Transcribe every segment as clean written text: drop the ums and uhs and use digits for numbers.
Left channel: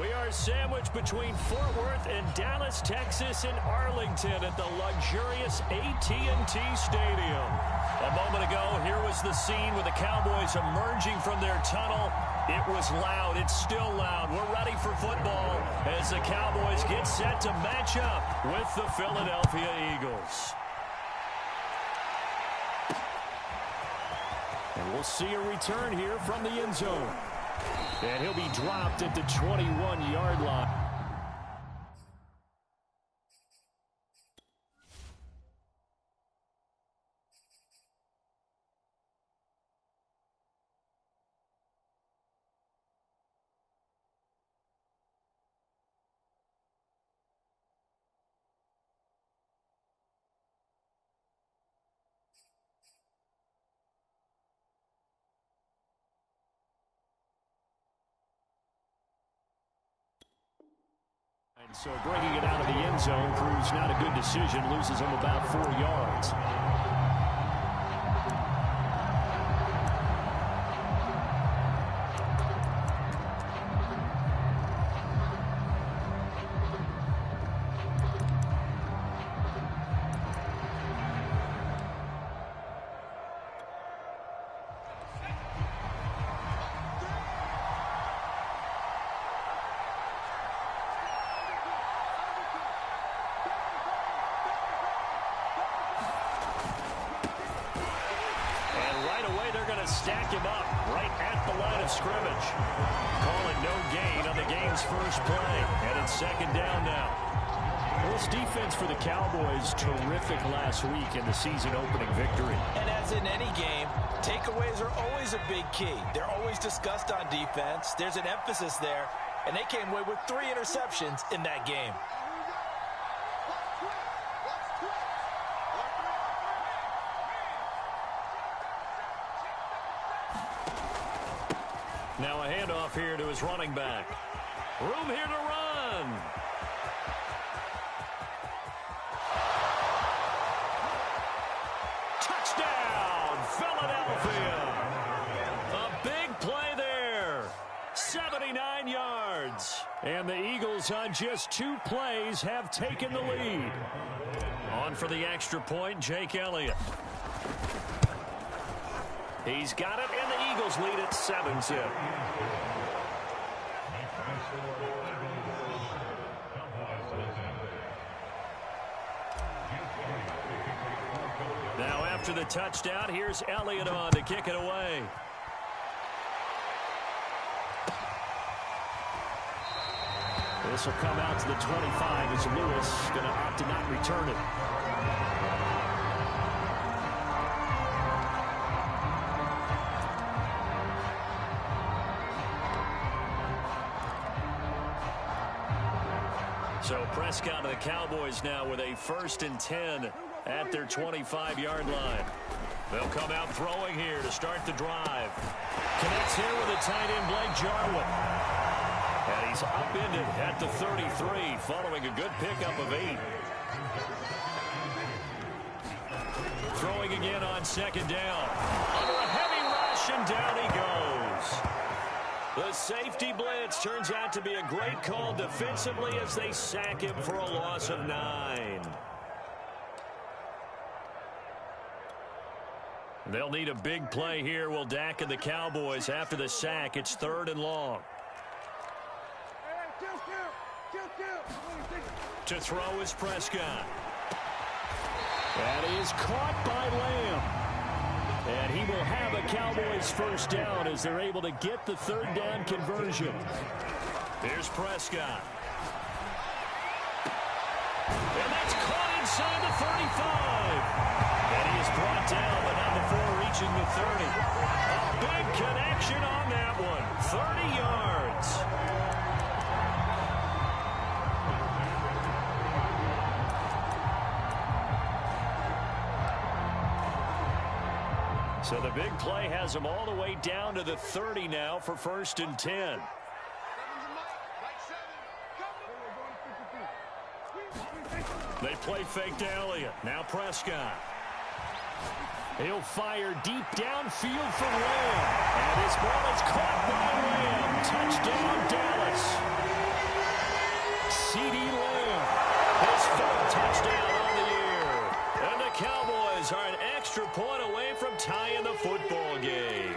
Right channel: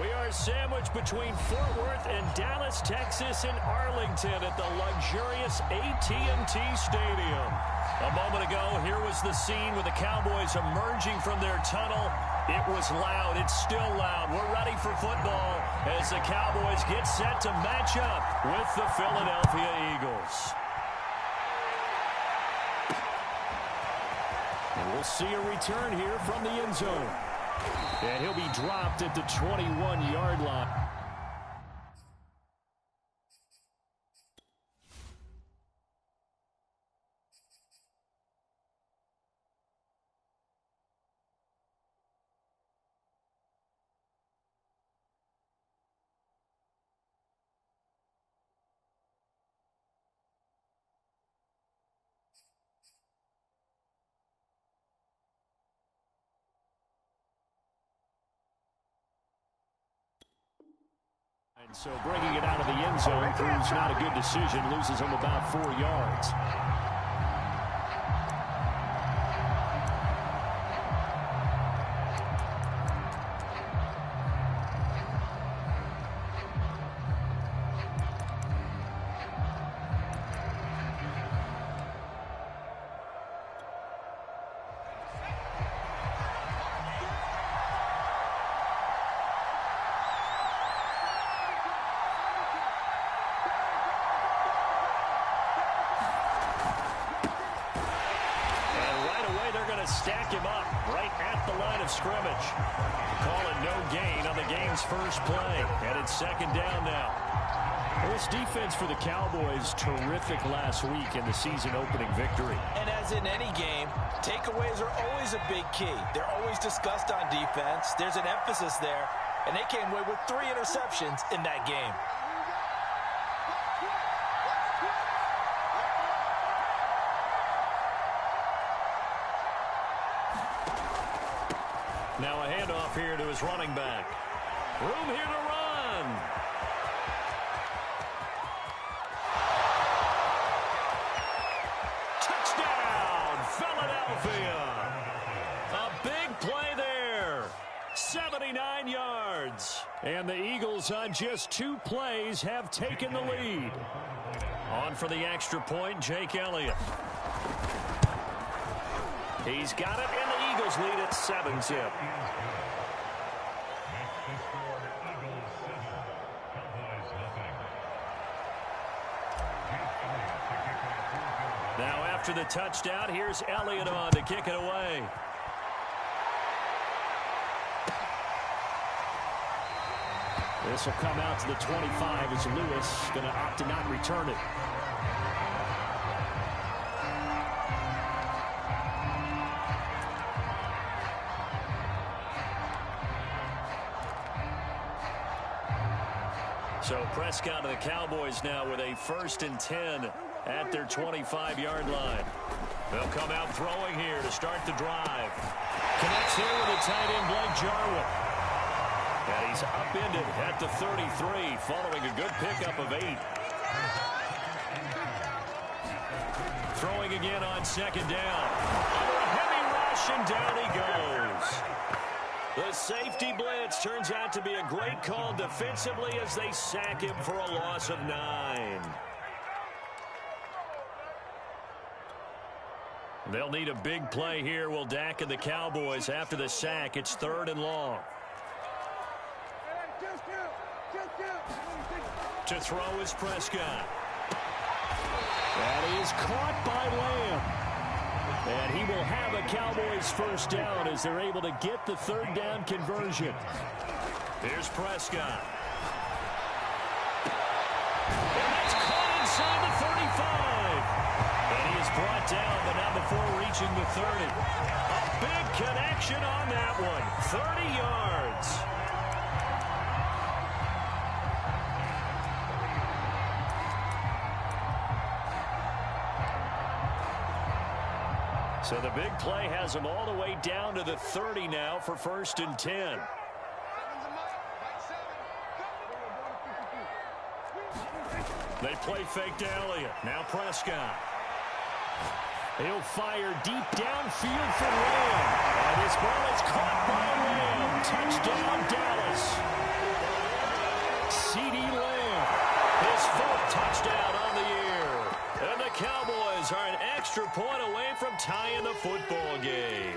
We are sandwiched between Fort Worth and Dallas, Texas, and Arlington at the luxurious AT&T Stadium. A moment ago, here was the scene with the Cowboys emerging from their tunnel. It was loud. It's still loud. We're ready for football as the Cowboys get set to match up with the Philadelphia Eagles. And we'll see a return here from the end zone. And he'll be dropped at the 21-yard line. And so bringing it out of the end zone proves not a good decision. Loses him about 4 yards. Stack him up right at the line of scrimmage. Call it no gain on the game's first play. And it's second down now. Well, this defense for the Cowboys, terrific last week in the season-opening victory. And as in any game, takeaways are always a big key. They're always discussed on defense. There's an emphasis there. And they came away with 3 interceptions in that game. Now a handoff here to his running back. Room here to run. Touchdown, Philadelphia. A big play there. 79 yards. And the Eagles on just 2 plays have taken the lead. On for the extra point, Jake Elliott. He's got it, and the Eagles lead at 7-zip. Now after the touchdown, here's Elliott on to kick it away. This will come out to the 25 as Lewis going to opt to not return it. So Prescott of the Cowboys now with a 1st and 10 at their 25-yard line. They'll come out throwing here to start the drive. Connects here with a tight end, Blake Jarwin. And he's upended at the 33 following a good pickup of 8. Throwing again on second down. Under a heavy rush, and down he goes. The safety blitz turns out to be a great call defensively as they sack him for a loss of 9. They'll need a big play here, will Dak and the Cowboys after the sack. It's 3rd and long. To throw is Prescott. That is caught by Lamb. And he will have a Cowboys first down as they're able to get the 3rd down conversion. Here's Prescott. And that's caught inside the 35. And he is brought down, but not before reaching the 30. A big connection on that one. 30 yards. So the big play has them all the way down to the 30 now for 1st and 10. They play fake to Elliott. Now Prescott. He'll fire deep downfield for Lamb. And this ball is caught by Lamb. Touchdown, Dallas. CeeDee Lamb, his 4th touchdown on the year. And the Cowboys are an extra point away from tying the football game.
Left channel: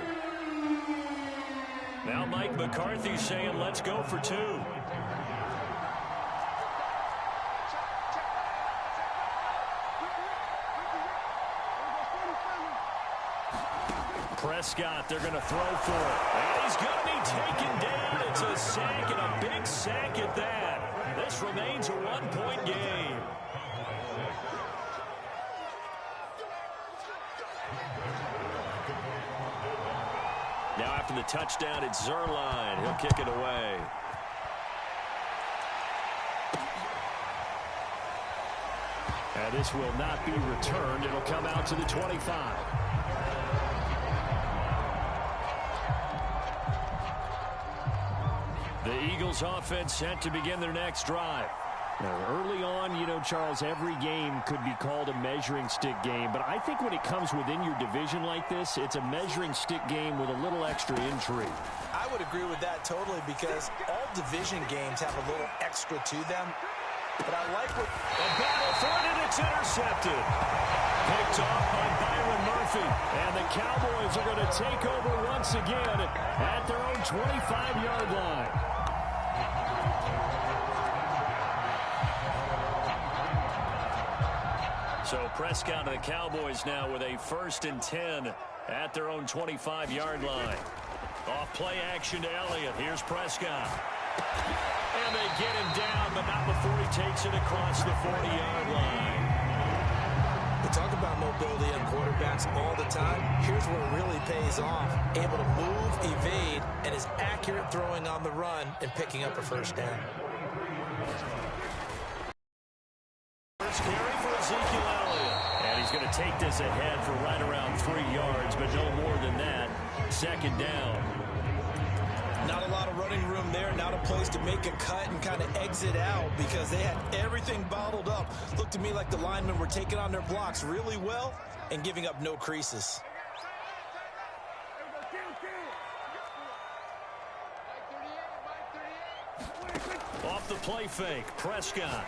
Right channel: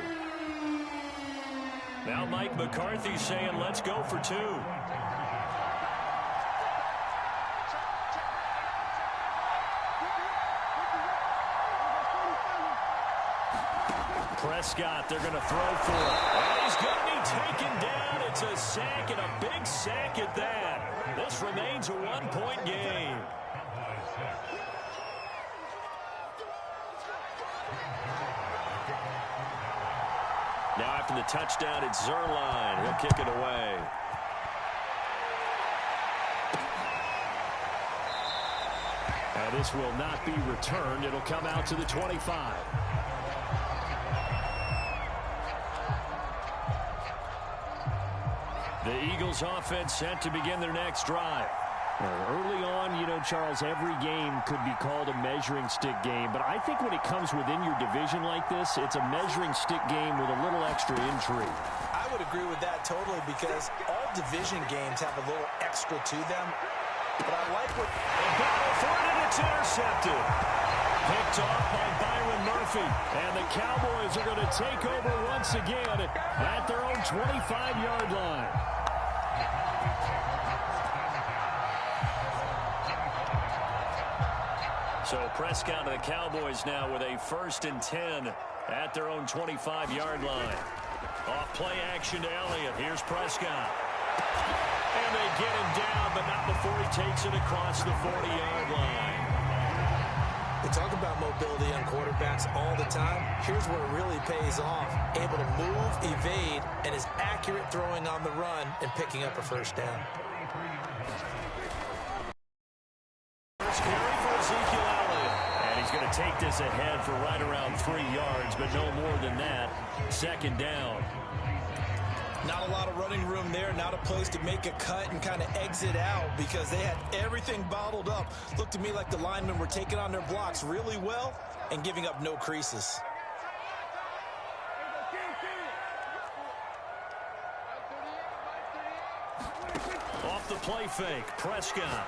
Now Mike McCarthy saying, let's go for 2. Prescott, they're going to throw for it. And he's going to be taken down. It's a sack, and a big sack at that. This remains a 1-point game. Now after the touchdown, it's Zerline. He'll kick it away. And this will not be returned. It'll come out to the 25. The Eagles offense set to begin their next drive. Now, early on, you know, Charles, every game could be called a measuring stick game. But I think when it comes within your division like this, it's a measuring stick game with a little extra intrigue. I would agree with that totally because all division games have a little extra to them. But I like what... A battle for it, and it's intercepted. Picked off by Byron Murphy. And the Cowboys are going to take over once again at their own 25-yard line. So Prescott and the Cowboys now with a 1st and 10 at their own 25-yard line. Off play action to Elliott. Here's Prescott. And they get him down, but not before he takes it across the 40-yard line. We talk about mobility on quarterbacks all the time. Here's where it really pays off. Able to move, evade, and is accurate throwing on the run and picking up a 1st down. First carry for Ezekiel Elliott. And he's going to take this ahead for right around 3 yards, but no more than that. 2nd down. Not a lot of running room there. Not a place to make a cut and kind of exit out because they had everything bottled up. Looked to me like the linemen were taking on their blocks really well and giving up no creases. Off the play fake, Prescott.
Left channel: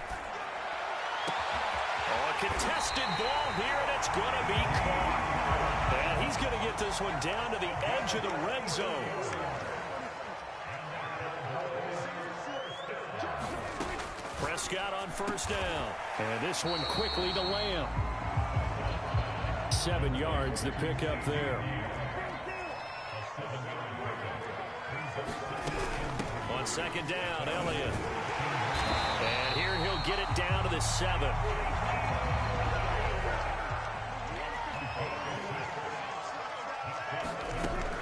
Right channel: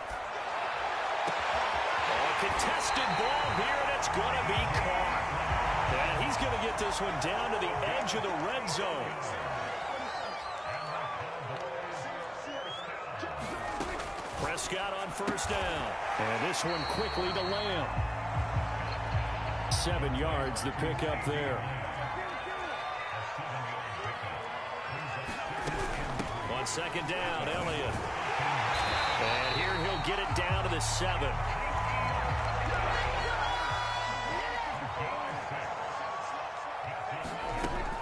Oh, a contested ball here, and it's going to be caught. And he's going to get this one down to the edge of the red zone. Prescott on 1st down. And this one quickly to Lamb. 7 yards the pick up there. On 2nd down, Elliott. And here he'll get it down to the 7.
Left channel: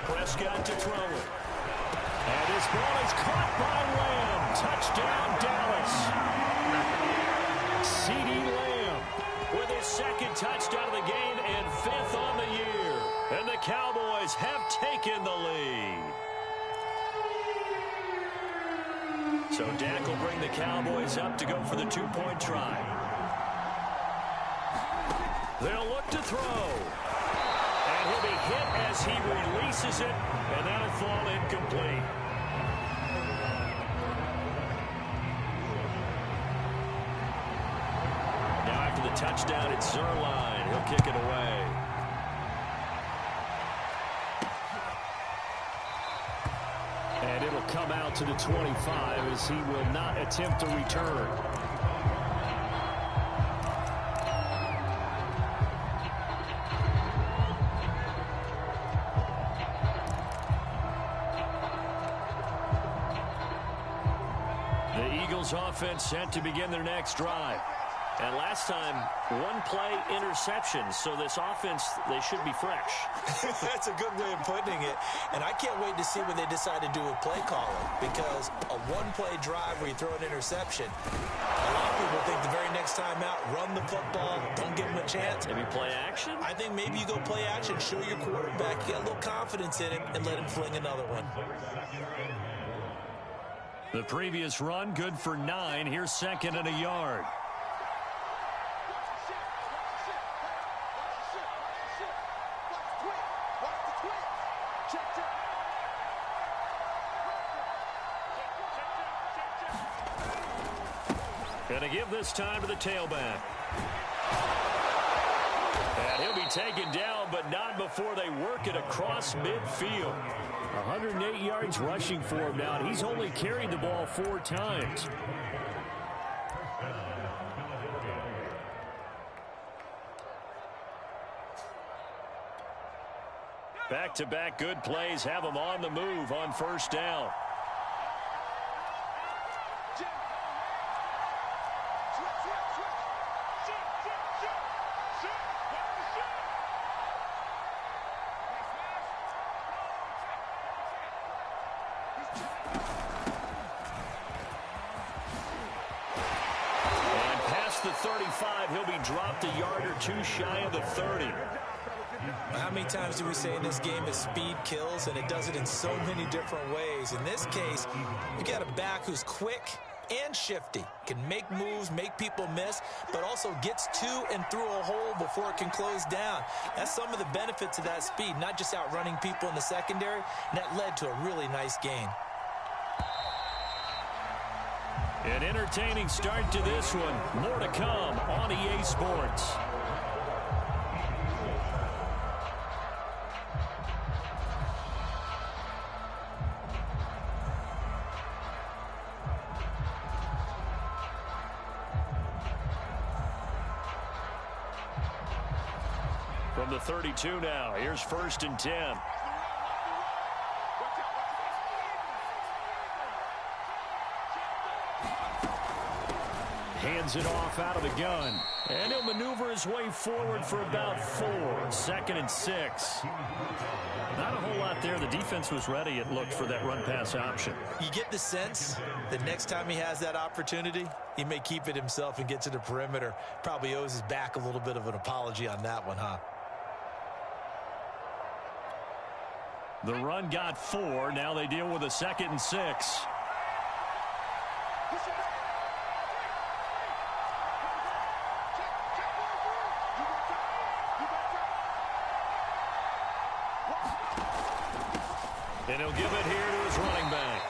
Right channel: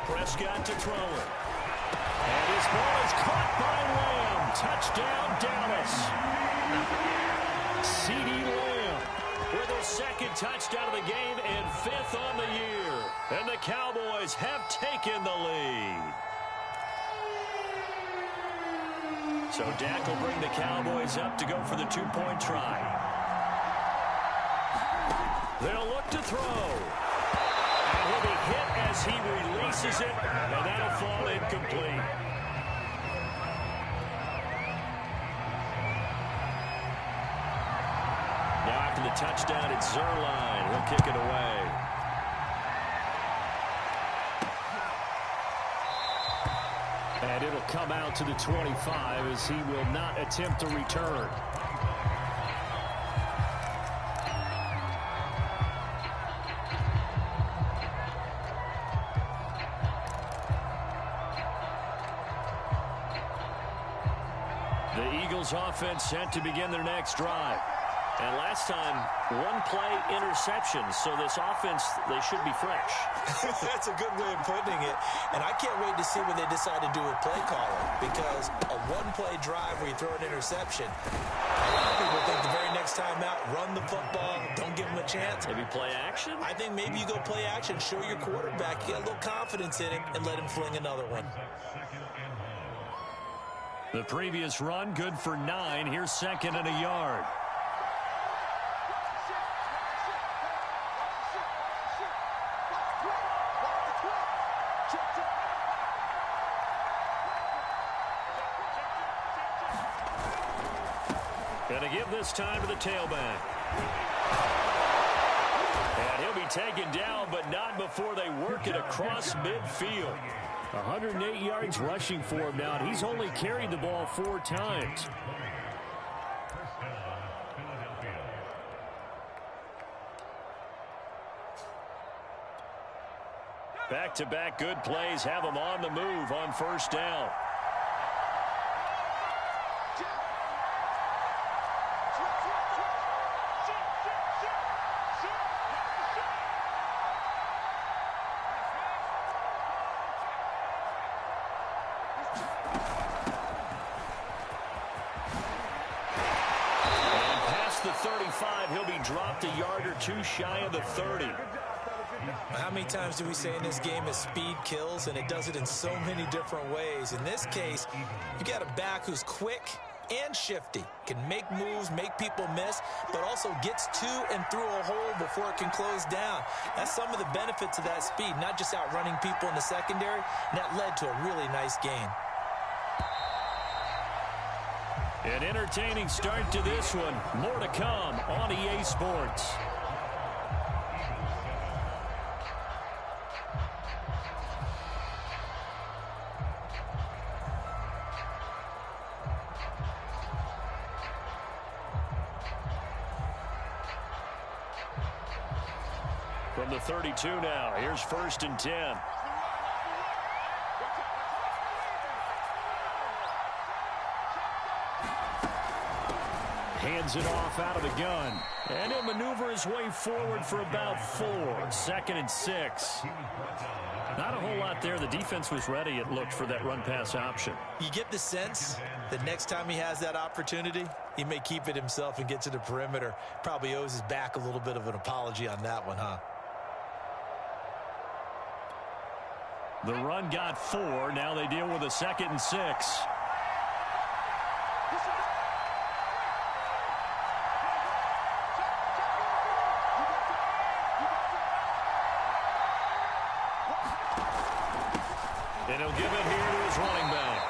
Prescott to throw it. And this ball is caught by Lamb. Touchdown, Dallas. CeeDee Lamb with his 2nd touchdown of the game and 5th on the year. And the Cowboys have taken the lead. So Dak will bring the Cowboys up to go for the 2-point try. They'll look to throw. And he'll be hit as he releases it, and that'll fall incomplete. Now after the touchdown, it's Zerline. He'll kick it away. And it'll come out to the 25 as he will not attempt to return. The Eagles offense set to begin their next drive. And last time, 1-play interception. So this offense, they should be fresh. That's a good way of putting it. And I can't wait to see what they decide to do with play calling. Because a 1-play drive where you throw an interception, a lot of people think the very next time out, run the football, don't give them a chance. Maybe play action? I think maybe you go play action, show your quarterback, you get a little confidence in him, and let him fling another one. The previous run, good for 9. Here's 2nd and a yard. Gonna give this time to the tailback. And he'll be taken down, but not before they work it across midfield. 108 yards rushing for him now, and he's only carried the ball 4 times. Back-to-back good plays have him on the move on first down. And past the 35, he'll be dropped a yard or 2 shy of the 30. How many times do we say in this game that speed kills, and it does it in so many different ways? In this case, you got a back who's quick and shifty, can make moves, make people miss, but also gets to and through a hole before it can close down. That's some of the benefits of that speed, not just outrunning people in the secondary, and that led to a really nice gain. An entertaining start to this one. More to come on EA Sports. From the 32 now, here's 1st and 10. Hands it off out of the gun. And he'll maneuver his way forward for about 4. 2nd and 6. Not a whole lot there. The defense was ready, it looked, for that run-pass option. You get the sense that next time he has that opportunity, he may keep it himself and get to the perimeter. Probably owes his back a little bit of an apology on that one, huh? The run got 4. Now they deal with a 2nd and 6. And he'll give it here to his running back.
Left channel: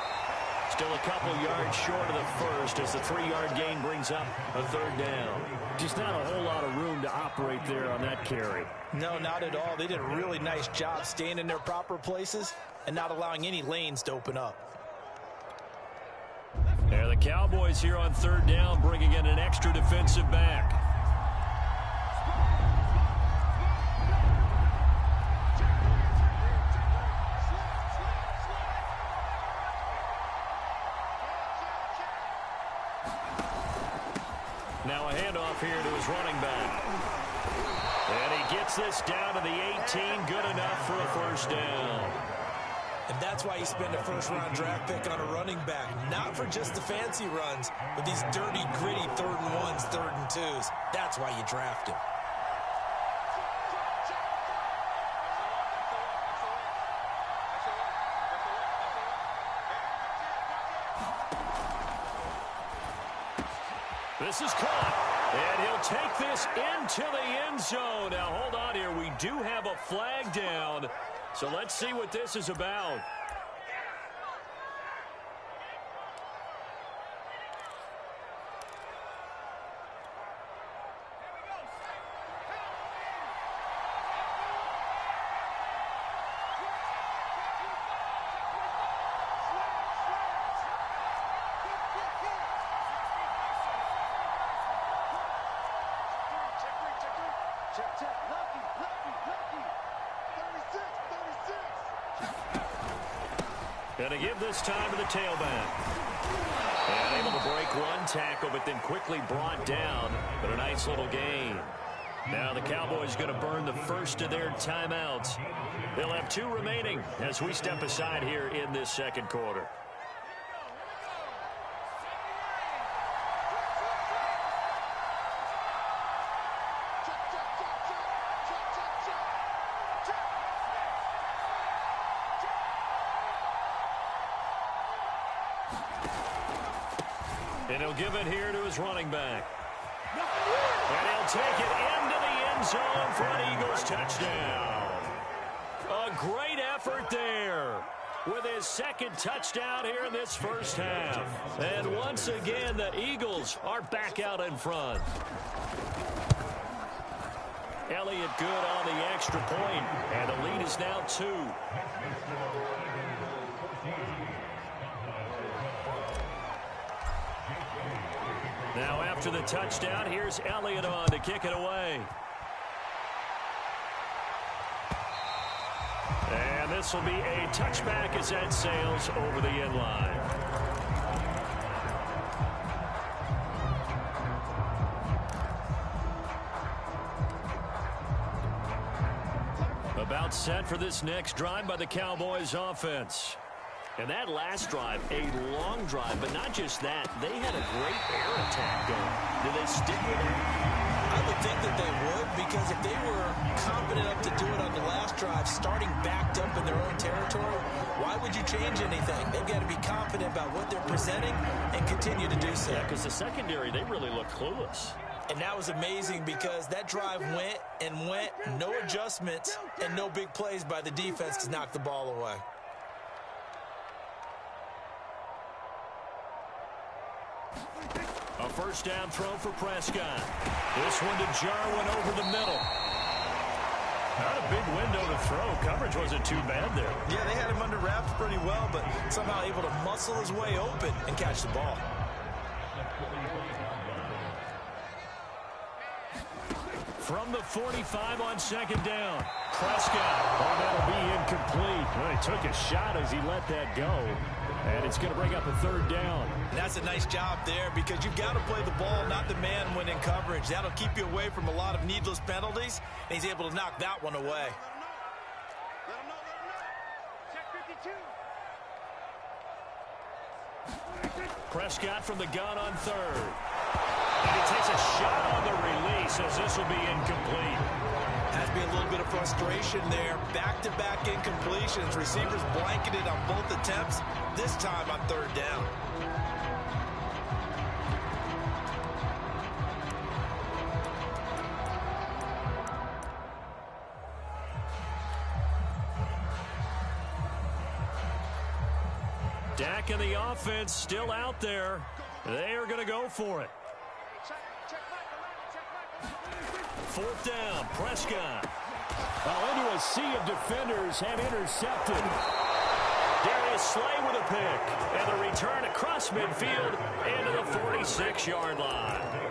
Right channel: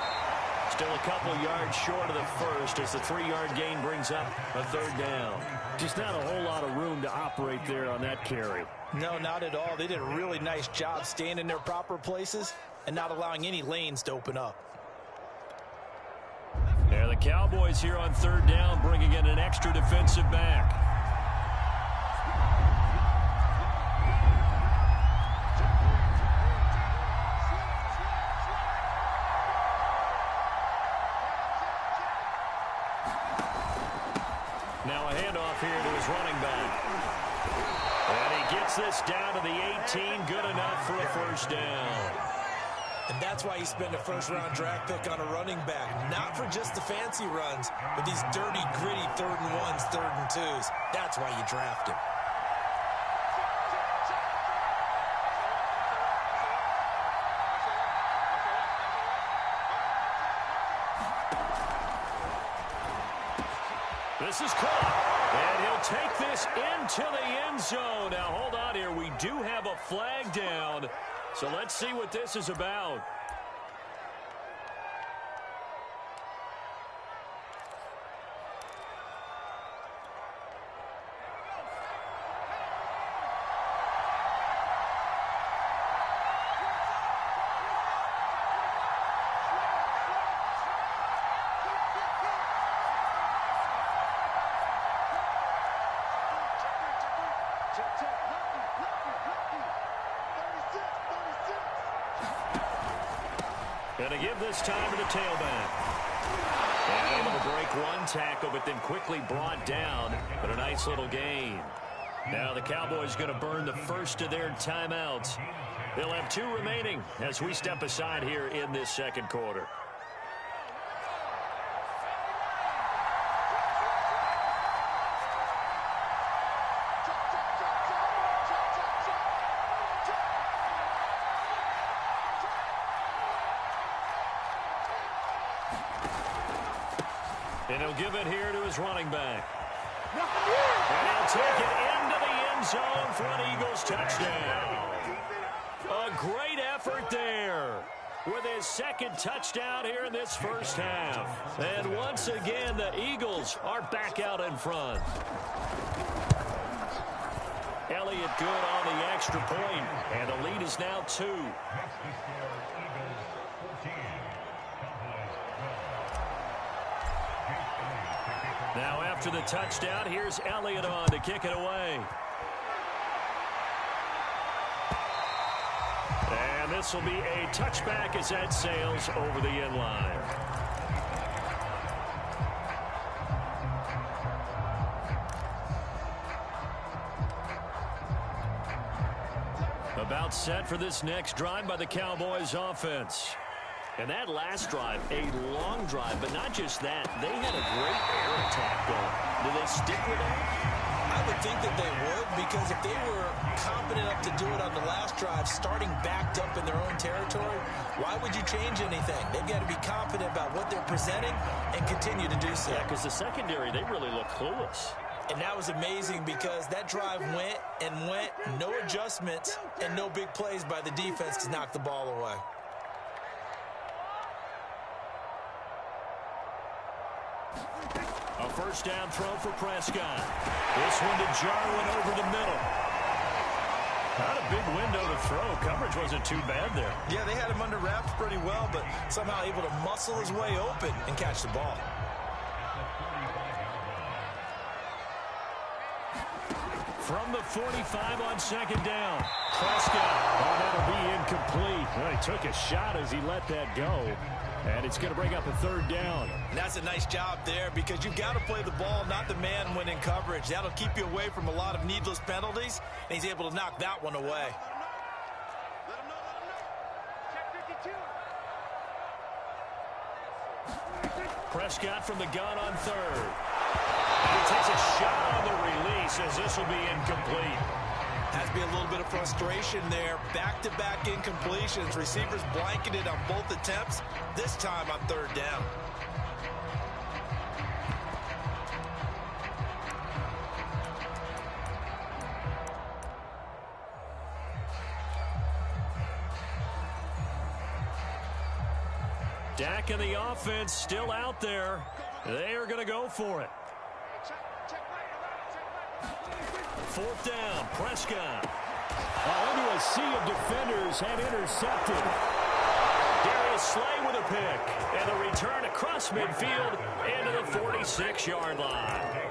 Still a couple yards short of the first as the 3-yard gain brings up a 3rd down. Just not a whole lot of room to operate there on that carry. No, not at all. They did a really nice job staying in their proper places and not allowing any lanes to open up. Yeah, the Cowboys here on 3rd down, bringing in an extra defensive back. Now a handoff here to his running back. And he gets this down to the 18, good enough for a 1st down. And that's why you spend a 1st-round draft pick on a running back. Not for just the fancy runs, but these dirty, gritty 3rd and 1s, 3rd and 2s. That's why you draft him. This is caught, and he'll take this into the end zone. Now, hold on here. We do have a flag down, so let's see what this is about. And to give this time to the tailback. And able to break one tackle, but then quickly brought down. But a nice little gain. Now the Cowboys going to burn the first of their timeouts. They'll have 2 remaining as we step aside here in this 2nd quarter. And he'll give it here to his running back. And he'll take it into the end zone for an Eagles touchdown. A great effort there. with his second touchdown here in this first half. And once again, the Eagles are back out in front. Elliott good on the extra point, and the lead is now 2. Now after the touchdown, here's Elliott on to kick it away. And this will be a touchback as that sails over the end line. About set for this next drive by the Cowboys offense. And that last drive, a long drive, but not just that. They had a great air attack going. Do they stick with that? I would think that they would, because if they were competent enough to do it on the last drive, starting backed up in their own territory, why would you change anything? They've got to be confident about what they're presenting and continue to do so. Yeah, because the secondary, they really look clueless. And that was amazing because that drive went and went, no adjustments, and no big plays by the defense to knock the ball away. A first down throw for Prescott. This one to Jarwin over the middle. Not a big window to throw. Coverage wasn't too bad there. Yeah, they had him under wraps pretty well, but somehow able to muscle his way open and catch the ball. From the 45 on second down. Prescott. Oh, that'll be incomplete. Well, he took a shot as he let that go. And it's going to bring up a third down. And that's a nice job there, because you've got to play the ball, not the man when in coverage. That'll keep you away from a lot of needless penalties, and he's able to knock that one away. Let him know. Check 52. Prescott from the gun on third. And he takes a shot on the release as this will be incomplete. Has to be a little bit of frustration there. Back-to-back incompletions. Receivers blanketed on both attempts, this time on third down. Dak and the offense still out there. They are going to go for it. Fourth down, Prescott. Into a sea of defenders and intercepted. Darius Slay with a pick. And the return across midfield into the 46-yard line.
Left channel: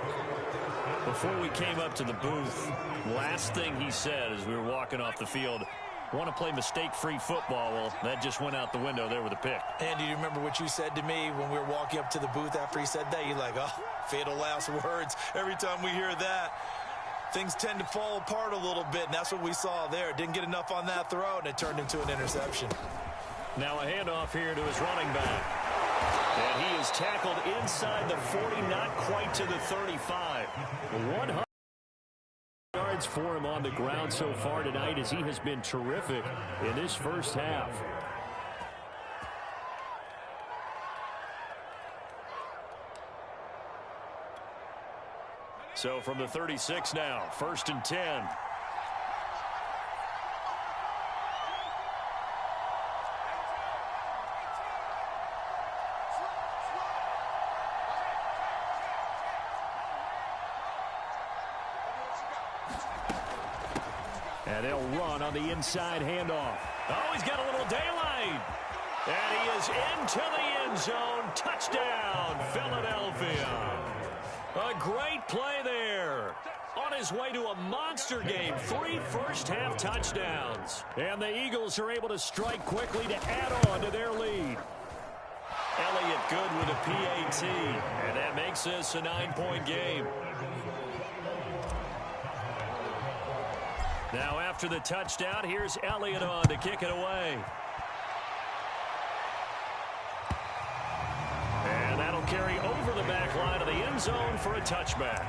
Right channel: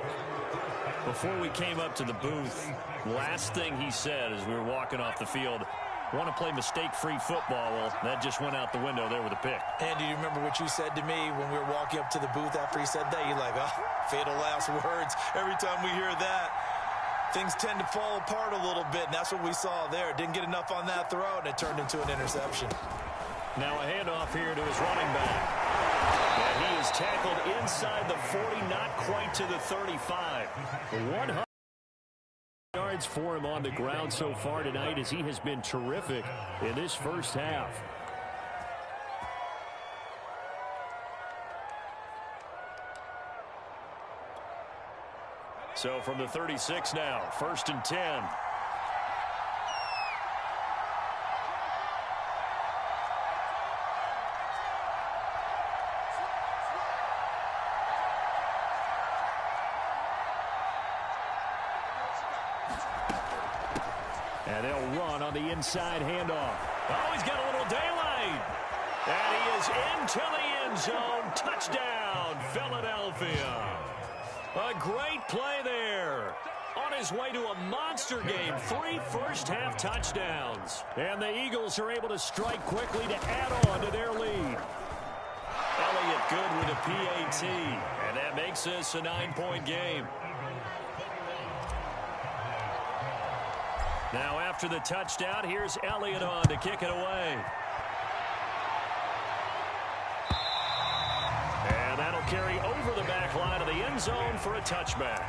Before we came up to the booth, last thing he said as we were walking off the field, want to play mistake-free football. Well, that just went out the window there with a pick. And do you remember what you said to me when we were walking up to the booth after he said that? You're like, oh, fatal last words. Every time we hear that, things tend to fall apart a little bit, and that's what we saw there. Didn't get enough on that throw, and it turned into an interception. Now a handoff here to his running back. And he is tackled inside the 40, not quite to the 35. 100 yards for him on the ground so far tonight, as he has been terrific in this first half. So from the 36 now, 1st and 10. And they'll run on the inside handoff. Oh, he's got a little daylight. And he is into the end zone. Touchdown, Philadelphia. A great play there. On his way to a monster game. 3 first-half touchdowns. And the Eagles are able to strike quickly to add on to their lead. Elliott good with a PAT. And that makes this a 9-point game. Now after the touchdown, here's Elliott on to kick it away. And that'll carry over the back line of the end zone for a touchback.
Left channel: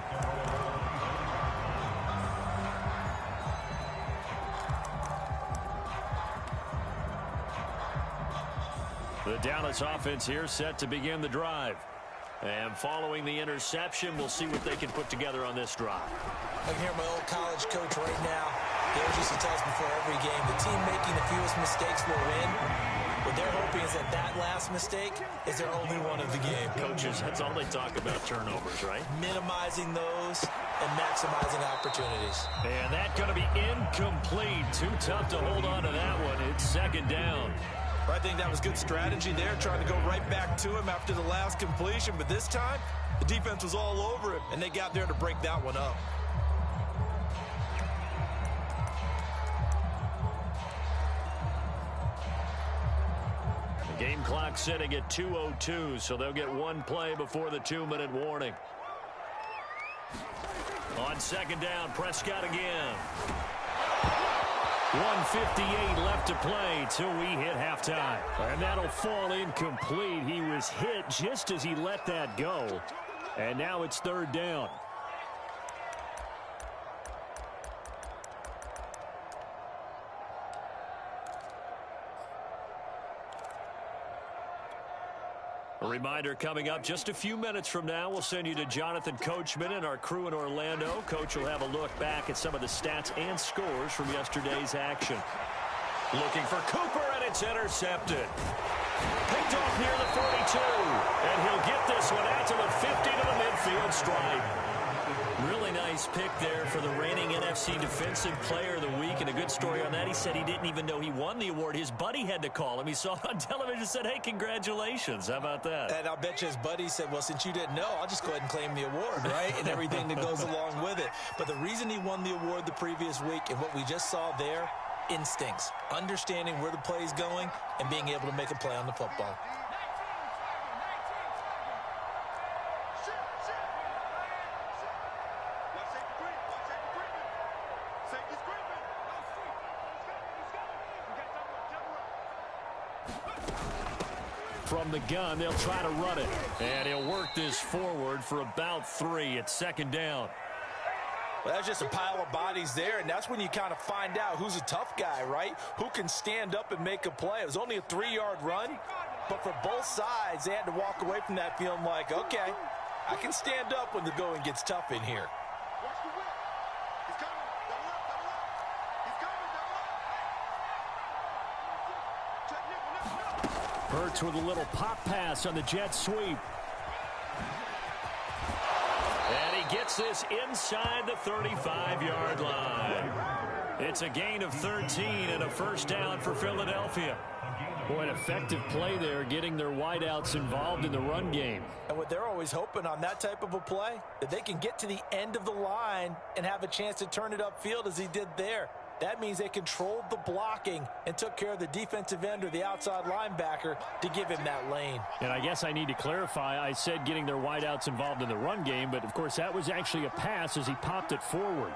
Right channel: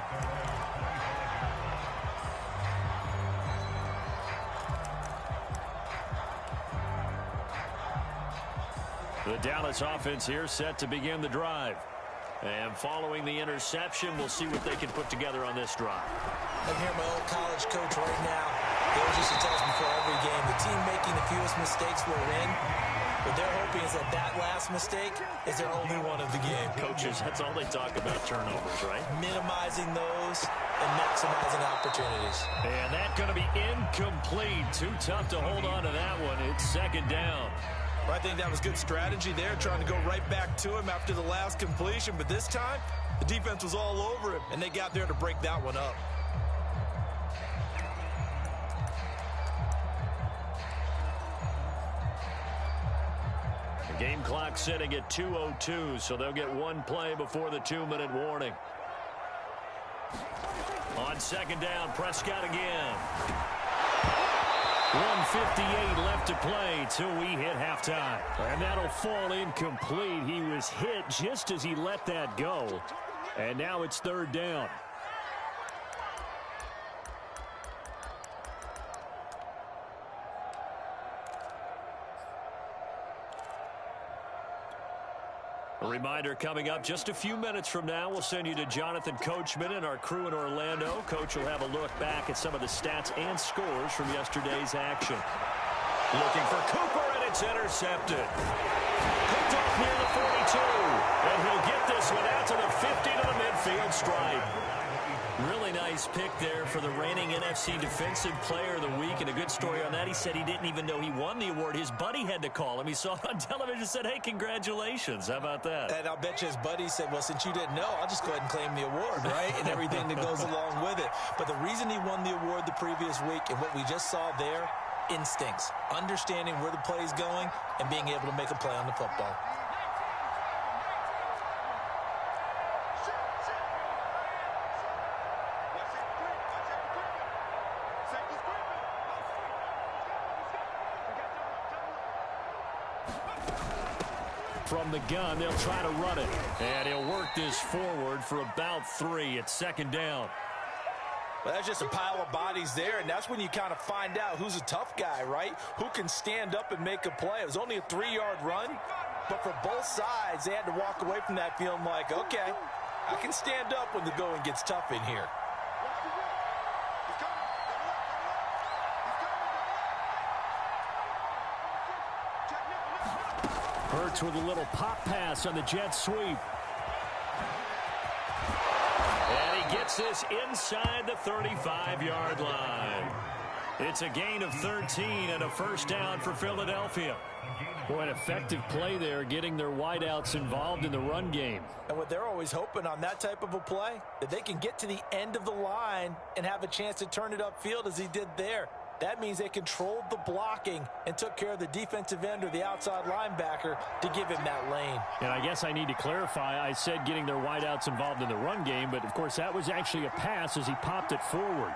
The Dallas offense here set to begin the drive. And following the interception, we'll see what they can put together on this drive. I can hear my old college coach right now. He always used to tell us before every game, the team making the fewest mistakes will win. What they're hoping is that that last mistake is their only one of the game. Coaches, that's all they talk about, turnovers, right? Minimizing those and maximizing opportunities. And that's going to be incomplete. Too tough to hold on to that one. It's second down. Well, I think that was good strategy there, trying to go right back to him after the last completion. But this time, the defense was all over him, and they got there to break that one up. The game clock sitting at 2:02, so they'll get one play before the 2-minute warning. On second down, Prescott again. 1:58 left to play till we hit halftime. And that'll fall incomplete. He was hit just as he let that go. And now it's third down. A reminder coming up just a few minutes from now, we'll send you to Jonathan Coachman and our crew in Orlando. Coach will have a look back at some of the stats and scores from yesterday's action. Looking for Cooper, and it's intercepted. Picked off near the 42, and he'll get this one out to the 50 to the midfield stripe. Really nice pick there for the reigning NFC Defensive Player of the Week, and a good story on that. He said he didn't even know he won the award. His buddy had to call him. He saw it on television and said, hey, congratulations. How about that? And I'll bet you his buddy said, well, since you didn't know, I'll just go ahead and claim the award, right? And everything that goes along with it. But the reason he won the award the previous week and what we just saw there, instincts, understanding where the play is going and being able to make a play on the football. From the gun, they'll try to run it. And he'll work this forward for about 3. It's second down. Well, that's just a pile of bodies there, and that's when you kind of find out who's a tough guy, right? Who can stand up and make a play. It was only a 3-yard run, but for both sides, they had to walk away from that feeling like, okay, I can stand up when the going gets tough in here. Hurts with a little pop pass on the jet sweep. And he gets this inside the 35-yard line. It's a gain of 13 and a first down for Philadelphia. Boy, an effective play there, getting their wideouts involved in the run game. And what they're always hoping on that type of a play, that they can get to the end of the line and have a chance to turn it upfield as he did there. That means they controlled the blocking and took care of the defensive end or the outside linebacker to give him that lane. And I guess I need to clarify, I said getting their wideouts involved in the run game, but of course that was actually a pass as he popped it forward.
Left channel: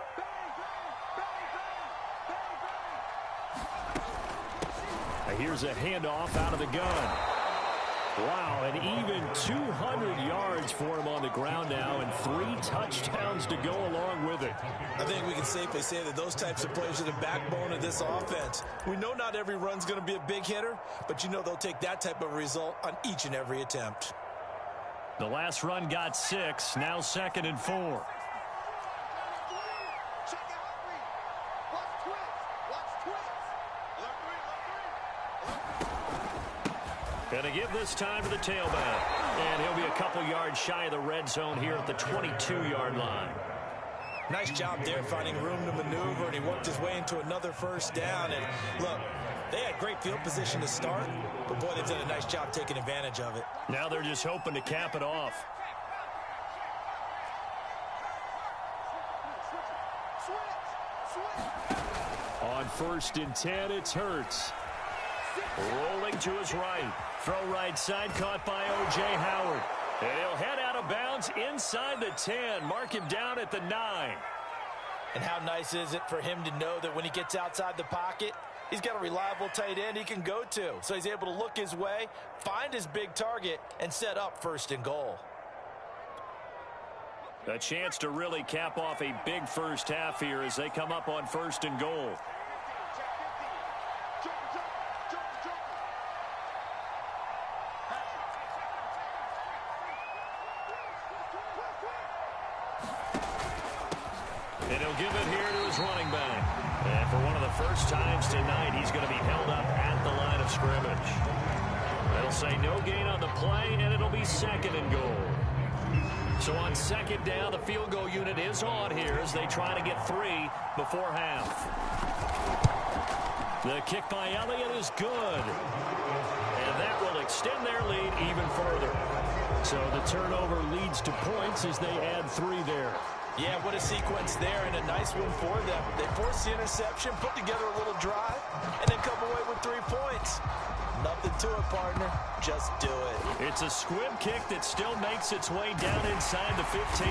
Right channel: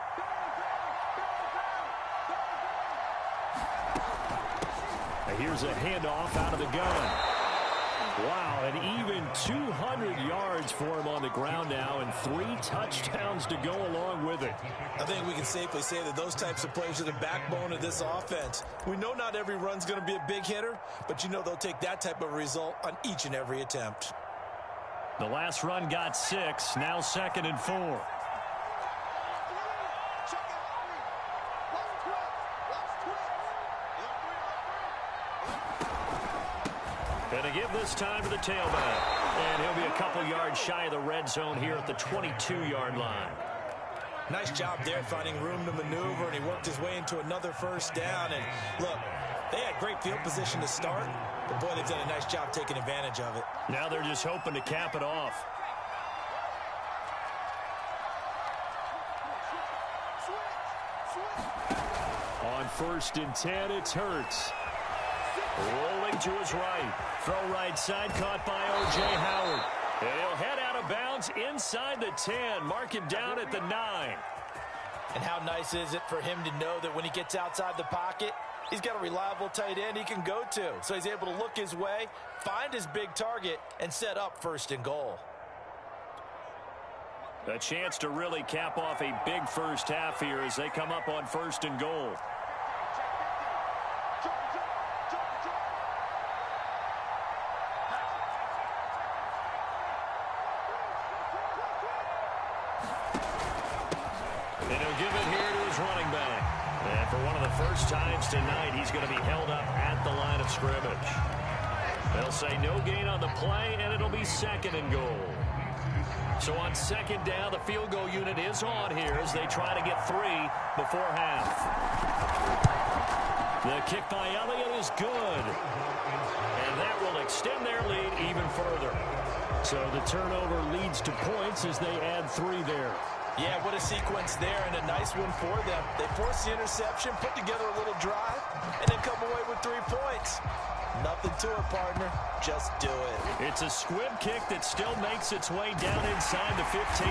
Here's a handoff out of the gun. Wow, and even 200 yards for him on the ground now and 3 touchdowns to go along with it. I think we can safely say that those types of plays are the backbone of this offense. We know not every run's going to be a big hitter, but you know they'll take that type of result on each and every attempt. The last run got 6, now 2nd and 4. And to give this time to the tailback. And he'll be a couple yards shy of the red zone here at the 22-yard line. Nice job there finding room to maneuver, and he worked his way into another first down. And look, they had great field position to start, but boy, they've done a nice job taking advantage of it. Now they're just hoping to cap it off. On 1st and 10, it's Hurts. Rolling to his right. Throw right side, caught by O.J. Howard. And he'll head out of bounds inside the 10. Mark him down at the 9. And how nice is it for him to know that when he gets outside the pocket, he's got a reliable tight end he can go to. So he's able to look his way, find his big target, and set up 1st and goal. A chance to really cap off a big first half here as they come up on 1st and goal. And he'll give it here to his running back. And for one of the first times tonight, he's going to be held up at the line of scrimmage. They'll say no gain on the play, and it'll be 2nd and goal. So on 2nd down, the field goal unit is on here as they try to get 3 before half. The kick by Elliott is good. And that will extend their lead even further. So the turnover leads to points as they add 3 there. Yeah, what a sequence there, and a nice one for them. They forced the interception, put together a little drive, and then come away with 3 points. Nothing to it, partner. Just do it. It's a squib kick that still makes its way down inside the 15.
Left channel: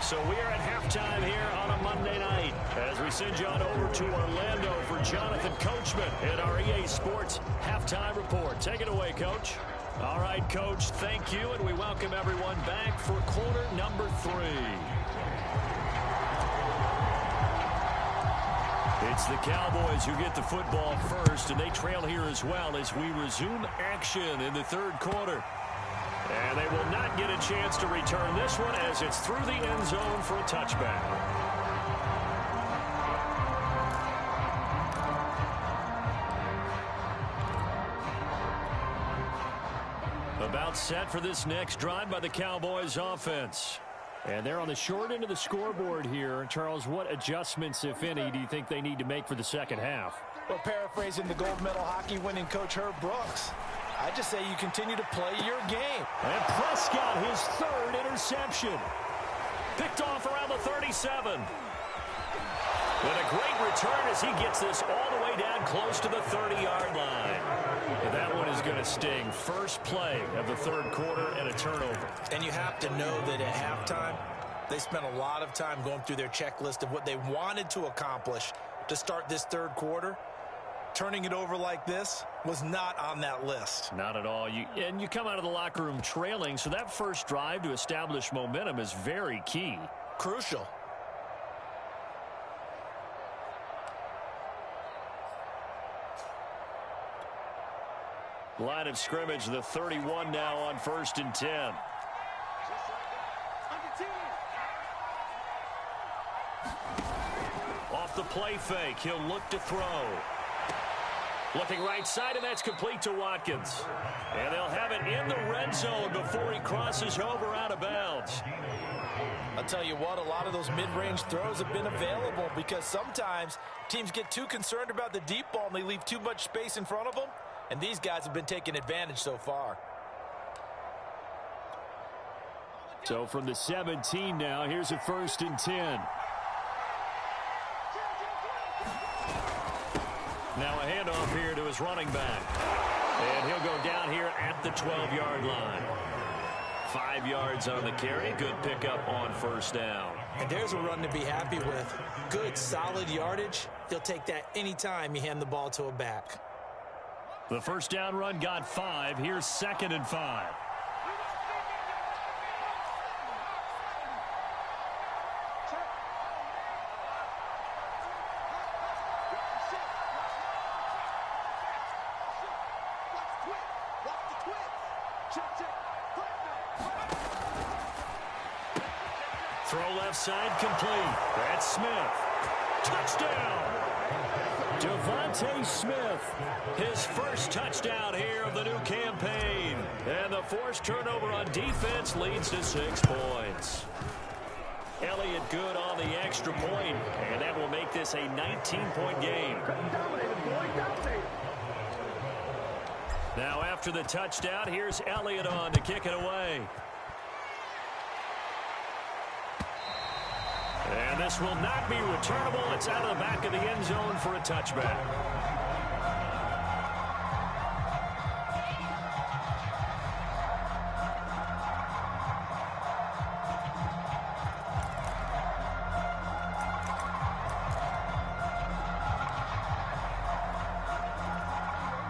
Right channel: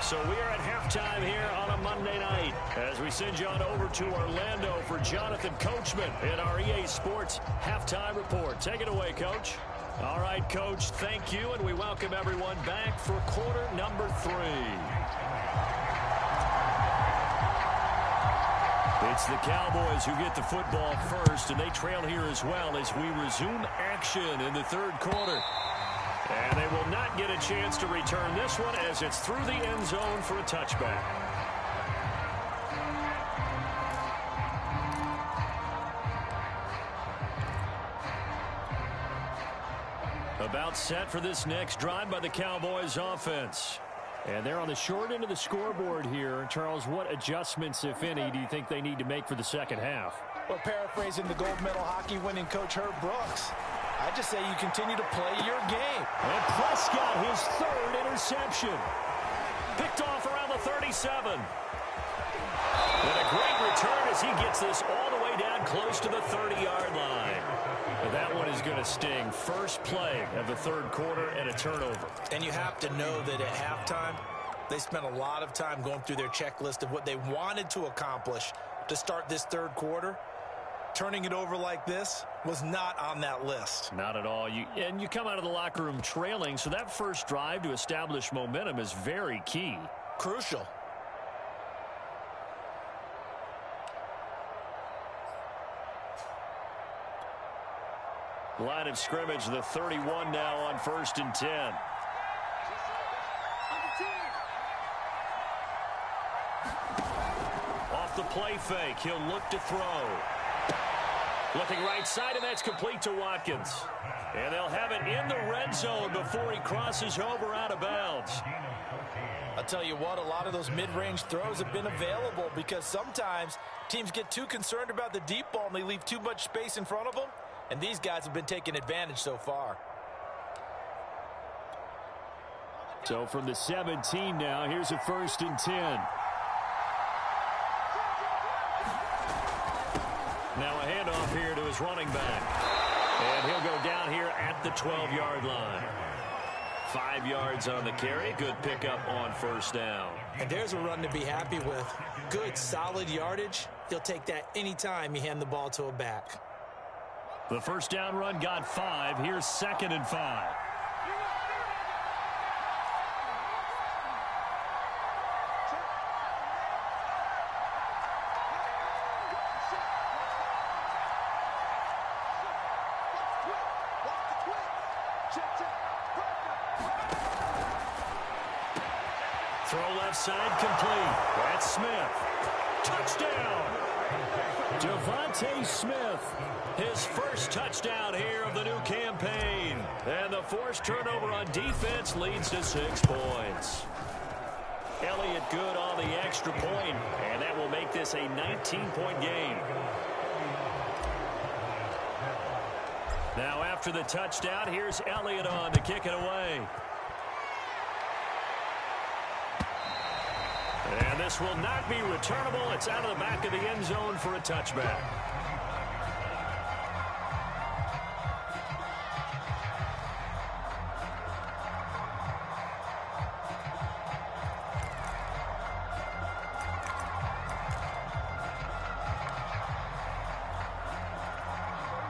So we are at halftime here on a Monday night as we send you on over to Orlando for Jonathan Coachman in our EA Sports Halftime Report. Take it away, Coach. All right, Coach, thank you, and we welcome everyone back for quarter number 3. It's the Cowboys who get the football first, and they trail here as well as we resume action in the 3rd quarter. And they will not get a chance to return this one as it's through the end zone for a touchback. About set for this next drive by the Cowboys offense. And they're on the short end of the scoreboard here. Charles, what adjustments, if any, do you think they need to make for the 2nd half? Well, paraphrasing the gold medal hockey winning coach Herb Brooks, I just say you continue to play your game. And Prescott, his 3rd interception. Picked off around the 37. And a great return as he gets this all the way down close to the 30-yard line. And that one is going to sting. First play of the 3rd quarter and a turnover. And you have to know that at halftime, they spent a lot of time going through their checklist of what they wanted to accomplish to start this 3rd quarter. Turning it over like this was not on that list. Not at all. You come out of the locker room trailing, so that first drive to establish momentum is very key. Crucial. Line of scrimmage, the 31 now on 1st and 10. Off the play fake, he'll look to throw. Looking right side, and that's complete to Watkins. And they'll have it in the red zone before he crosses over out of bounds. I'll tell you what, a lot of those mid-range throws have been available because sometimes teams get too concerned about the deep ball and they leave too much space in front of them. And these guys have been taking advantage so far. So from the 17 now, here's a 1st and 10. Now a handoff here to his running back. And he'll go down here at the 12-yard line. 5 yards on the carry. Good pickup on 1st down. And there's a run to be happy with. Good, solid yardage. He'll take that anytime you hand the ball to a back. The 1st down run got 5. Here's 2nd and 5. Throw left side complete. That's Smith. Touchdown! Devontae Smith, his first touchdown here of the new campaign. And the forced turnover on defense leads to 6 points. Elliott good on the extra point, and that will make this a 19-point game. Now after the touchdown, here's Elliott on to kick it away. And this will not be returnable. It's out of the back of the end zone for a touchback.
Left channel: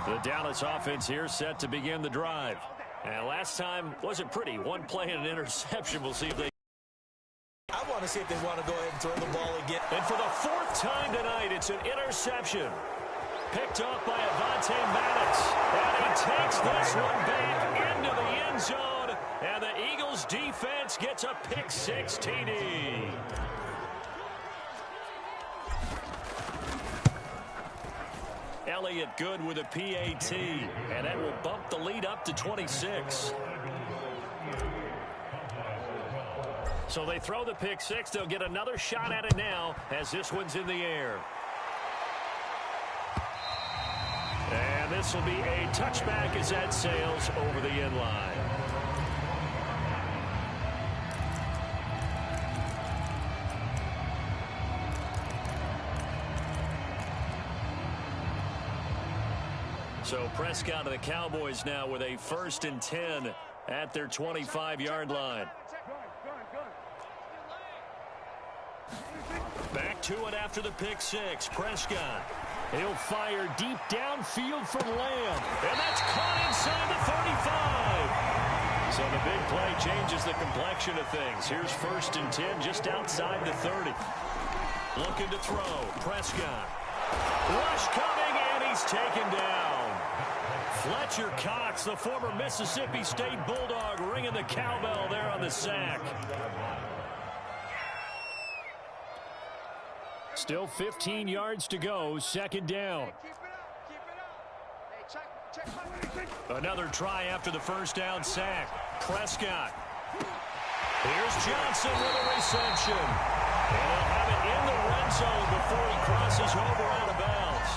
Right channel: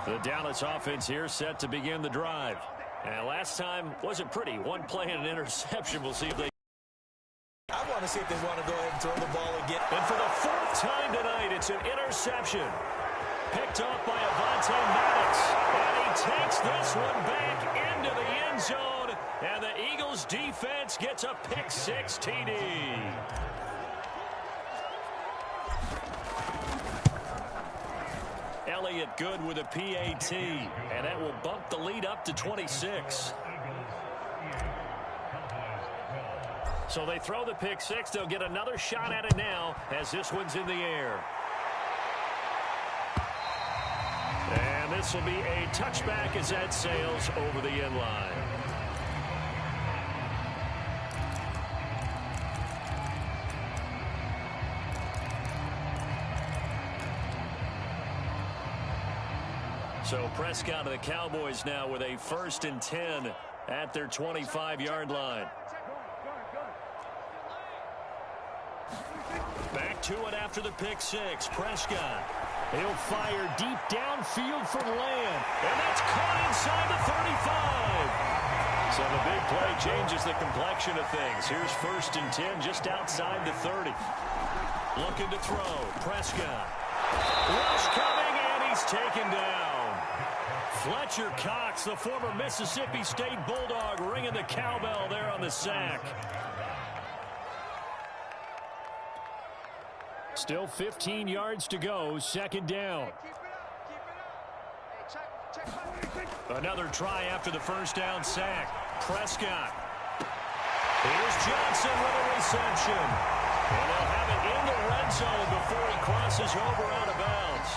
The Dallas offense here set to begin the drive. And last time wasn't pretty. One play and an interception. We'll see if they... I want to see if they want to go ahead and throw the ball again. And for the 4th time tonight, it's an interception. Picked off by Avonte Maddox. And he takes this one back into the end zone. And the Eagles defense gets a pick 6 TD. lay it good with a PAT, and that will bump the lead up to 26. So they throw the pick six. They'll get another shot at it now as this one's in the air. And this will be a touchback as that sails over the end line. So Prescott and the Cowboys now with a 1st and 10 at their 25-yard line. Back to it after the pick six. Prescott. He'll fire deep downfield for Lamb. And that's caught inside the 35. So the big play changes the complexion of things. Here's 1st and 10 just outside the 30. Looking to throw. Prescott. Rush coming, and he's taken down. Fletcher Cox, the former Mississippi State Bulldog, ringing the cowbell there on the sack. Still 15 yards to go, 2nd down. Another try after the 1st down sack. Prescott. Here's Johnson with a reception. And they'll have it in the red zone before he crosses over out of bounds.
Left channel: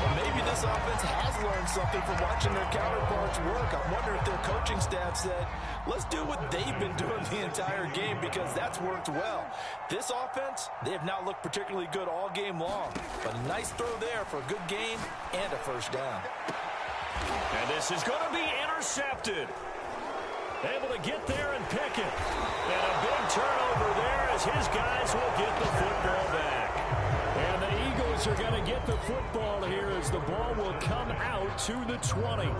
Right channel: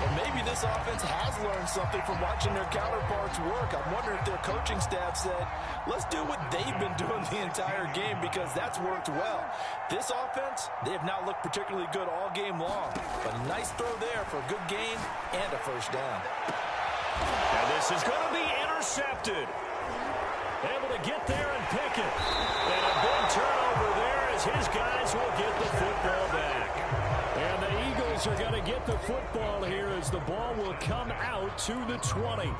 Well, maybe this offense has learned something from watching their counterparts work. I wonder if their coaching staff said, let's do what they've been doing the entire game, because that's worked well. This offense, they have not looked particularly good all game long. But a nice throw there for a good gain and a 1st down. And this is going to be intercepted. Able to get there and pick it. And a big turnover there as his guys will get the football back. And the Eagles are going to get the football here as the ball will come out to the 20.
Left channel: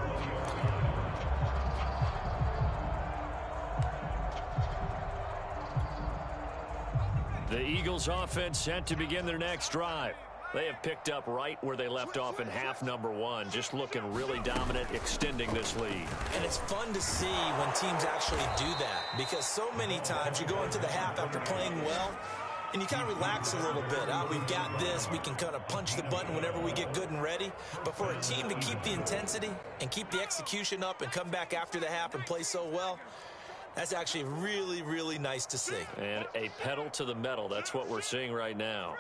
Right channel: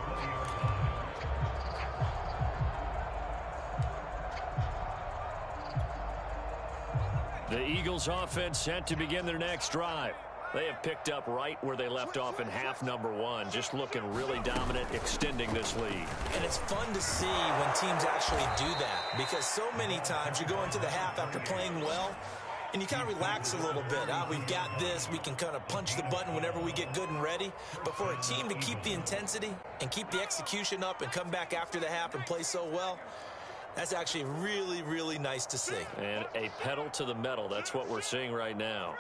The Eagles offense set to begin their next drive. They have picked up right where they left off in half number 1, just looking really dominant, extending this lead. And it's fun to see when teams actually do that, because so many times you go into the half after playing well, and you kind of relax a little bit. We've got this. We can kind of punch the button whenever we get good and ready. But for a team to keep the intensity and keep the execution up and come back after the half and play so well, that's actually really, really nice to see. And a pedal to the metal. That's what we're seeing right now.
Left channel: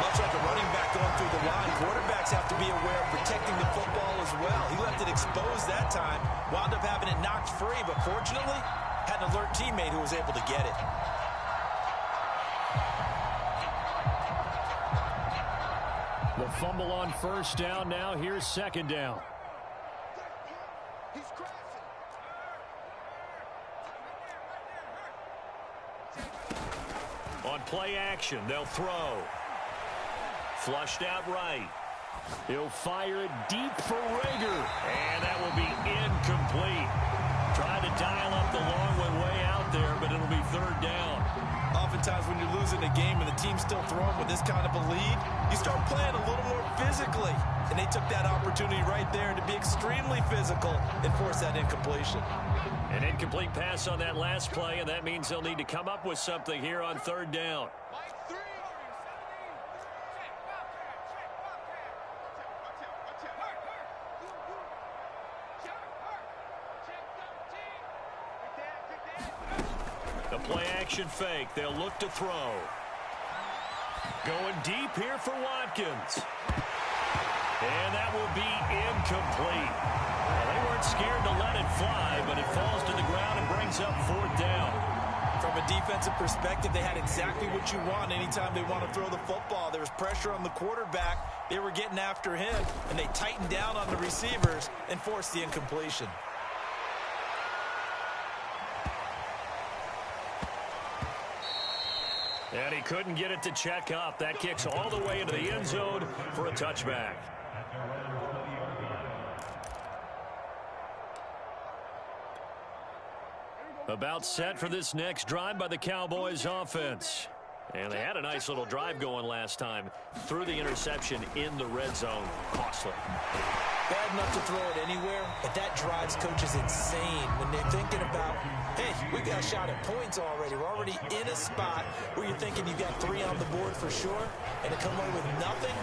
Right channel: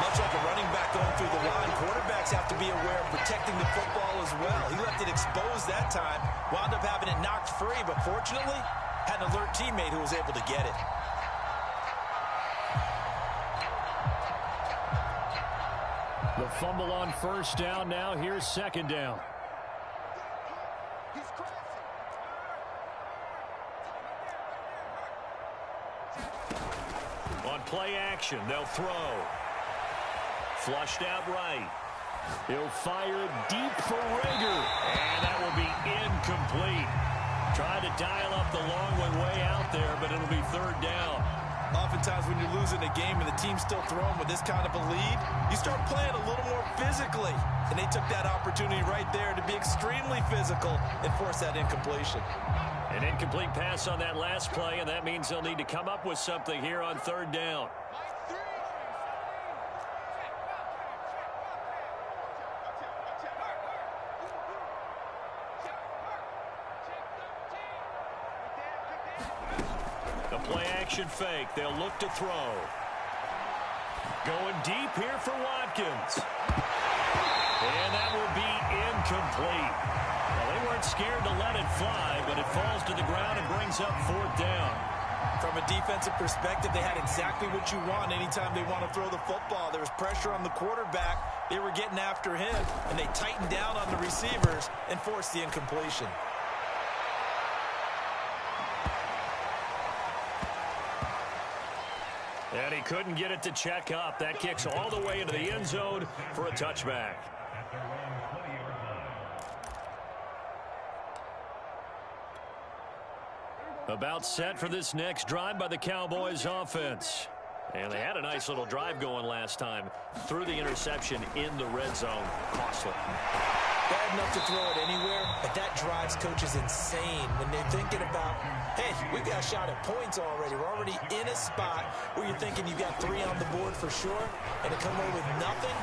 Much like a running back going through the line, quarterbacks have to be aware of protecting the football as well. He left it exposed that time, wound up having it knocked free, but fortunately had an alert teammate who was able to get it. The fumble on 1st down. Now here's 2nd down. On play action, they'll throw. Flushed out right. He'll fire it deep for Rager. And that will be incomplete. Tried to dial up the long one way out there, but it'll be 3rd down. Oftentimes when you're losing a game and the team's still throwing with this kind of a lead, you start playing a little more physically. And they took that opportunity right there to be extremely physical and force that incompletion. An incomplete pass on that last play, and that means they'll need to come up with something here on 3rd down. The play action fake. They'll look to throw. Going deep here for Watkins. And that will be incomplete. Well, they weren't scared to let it fly, but it falls to the ground and brings up 4th down. From a defensive perspective, they had exactly what you want anytime they want to throw the football. There was pressure on the quarterback. They were getting after him, and they tightened down on the receivers and forced the incompletion. And he couldn't get it to check up. That kicks all the way into the end zone for a touchback. About set for this next drive by the Cowboys offense. And they had a nice little drive going last time. Threw the interception in the red zone. Costly. Bad enough to throw it anywhere, but that drives coaches insane when they're thinking about, hey, we've got a shot at points already. We're already in a spot where you're thinking you've got 3 on the board for sure, and to come away with nothing,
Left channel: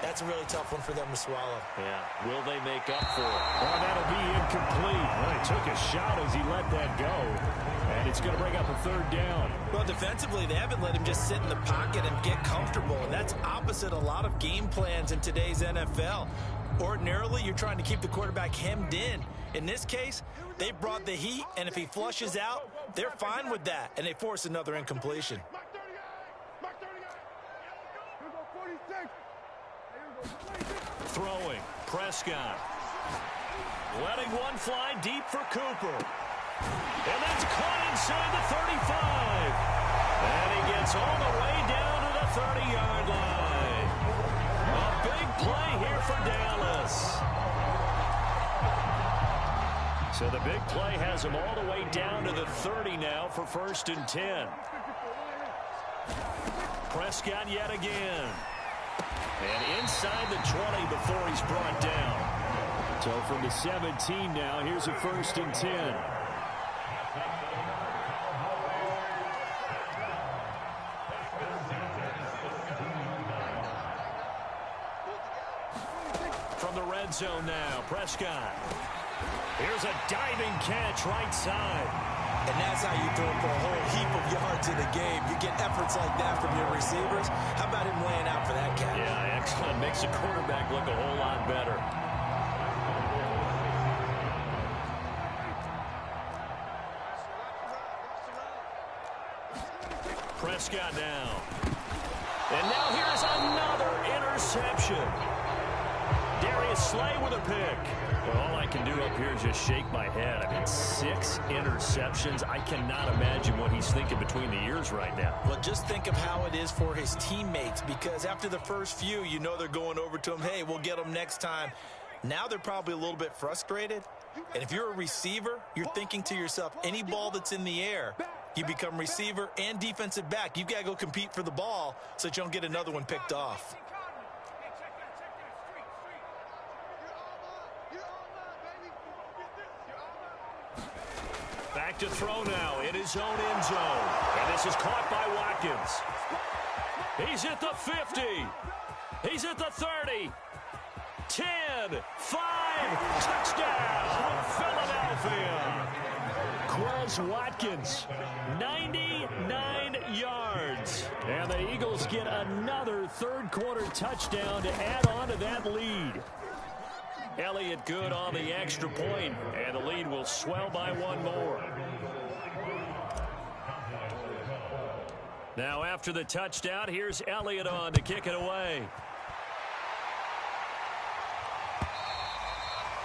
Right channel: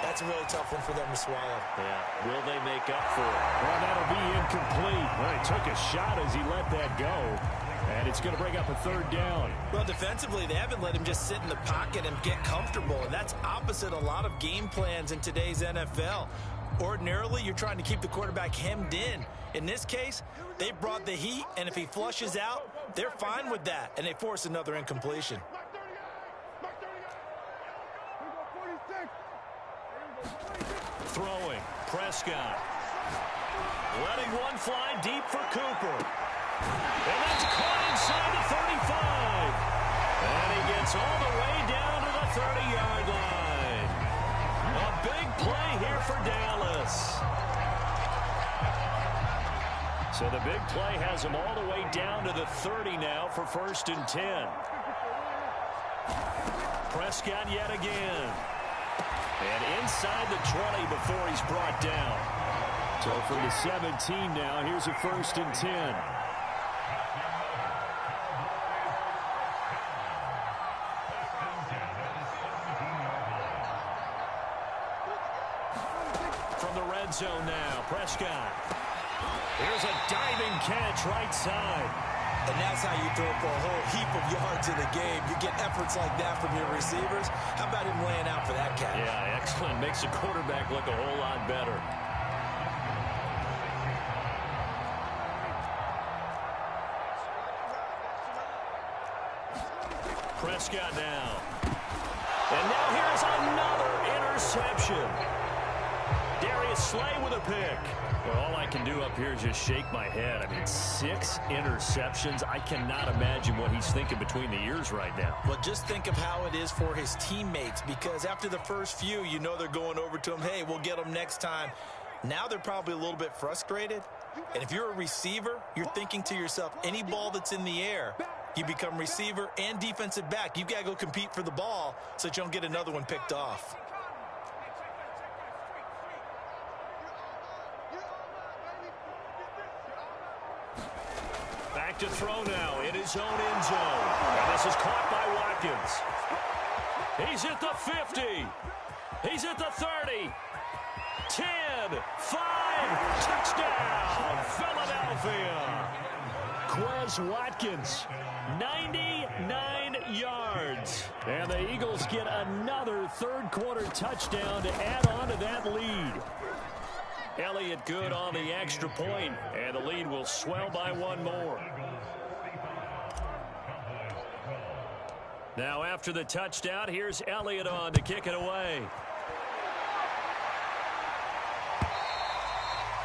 that's a really tough one for them to swallow. Yeah, will they make up for it? Well, that'll be incomplete. Well, he took a shot as he let that go. And it's going to bring up a 3rd down. Well, defensively, they haven't let him just sit in the pocket and get comfortable. And that's opposite a lot of game plans in today's NFL. Ordinarily, you're trying to keep the quarterback hemmed in. In this case, they brought the heat, and if he flushes out, they're fine with that. And they force another incompletion. Throwing. Prescott. Letting one fly deep for Cooper. And that's caught inside the 35. And he gets all the way down to the 30-yard line. A big play here for Dallas. So the big play has him all the way down to the 30 now for 1st and 10. Prescott yet again. And inside the 20 before he's brought down. So from the 17 now, here's a 1st and 10. From the red zone now, Prescott. Here's a diving catch right side. And that's how you throw for a whole heap of yards in a game. You get efforts like that from your receivers. How about him laying out for that catch? Yeah, excellent. Makes the quarterback look a whole lot better. Prescott now. And now here is another interception. Darius Slay with a pick. Well, all I can do up here is just shake my head. I mean, 6 interceptions. I cannot imagine what he's thinking between the ears right now. Well, just think of how it is for his teammates, because after the first few, you know they're going over to him, hey, we'll get him next time. Now they're probably a little bit frustrated. And if you're a receiver, you're thinking to yourself, any ball that's in the air, you become receiver and defensive back. You've got to go compete for the ball so that you don't get another one picked off. Back to throw now in his own end zone. And this is caught by Watkins. He's at the 50. He's at the 30. 10, 5, touchdown, Philadelphia. Quez Watkins, 99 yards. and the Eagles get another third-quarter touchdown to add on to that lead. Elliott good on the extra point, and the lead will swell by 1 more. Now after the touchdown, here's Elliott on to kick it away.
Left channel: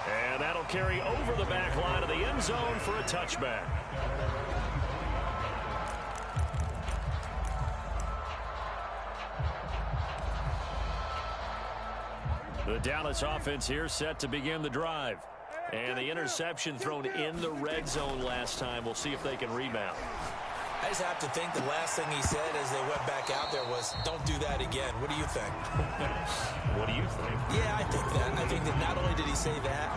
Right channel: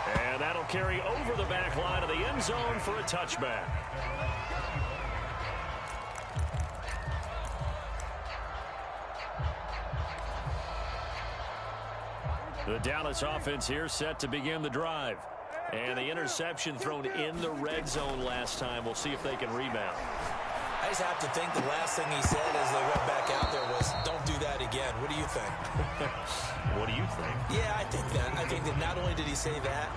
And that'll carry over the back line of the end zone for a touchback. The Dallas offense here set to begin the drive. And the interception thrown in the red zone last time. We'll see if they can rebound. I just have to think the last thing he said as they went back out there was, don't do that again. What do you think? What do you think? Yeah, I think that. I think that not only did he say that,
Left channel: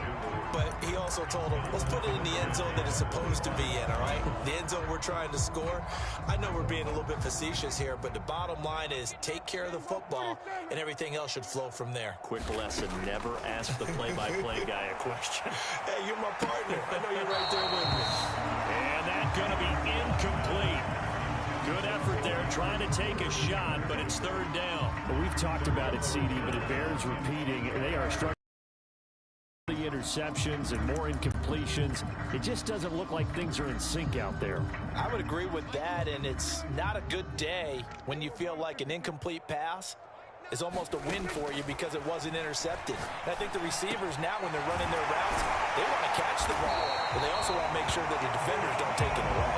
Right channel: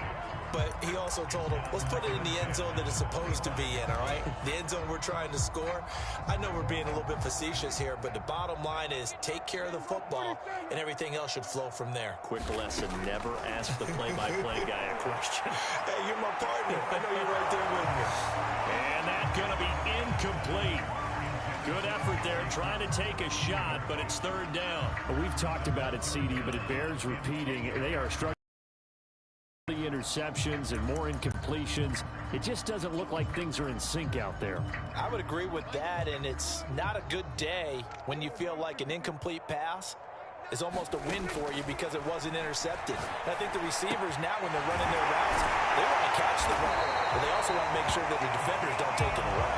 but he also told him, let's put it in the end zone that it's supposed to be in, all right? The end zone we're trying to score. I know we're being a little bit facetious here, but the bottom line is take care of the football, and everything else should flow from there. Quick lesson, never ask the play-by-play guy a question. Hey, you're my partner. I know you're right there with me. And that's going to be incomplete. Good effort there, trying to take a shot, but it's third down. We've talked about it, CD, but it bears repeating. They are struggling. The interceptions and more incompletions. It just doesn't look like things are in sync out there. I would agree with that, and it's not a good day when you feel like an incomplete pass is almost a win for you because it wasn't intercepted. And I think the receivers now, when they're running their routes, they want to catch the ball, but they also want to make sure that the defenders don't take it away.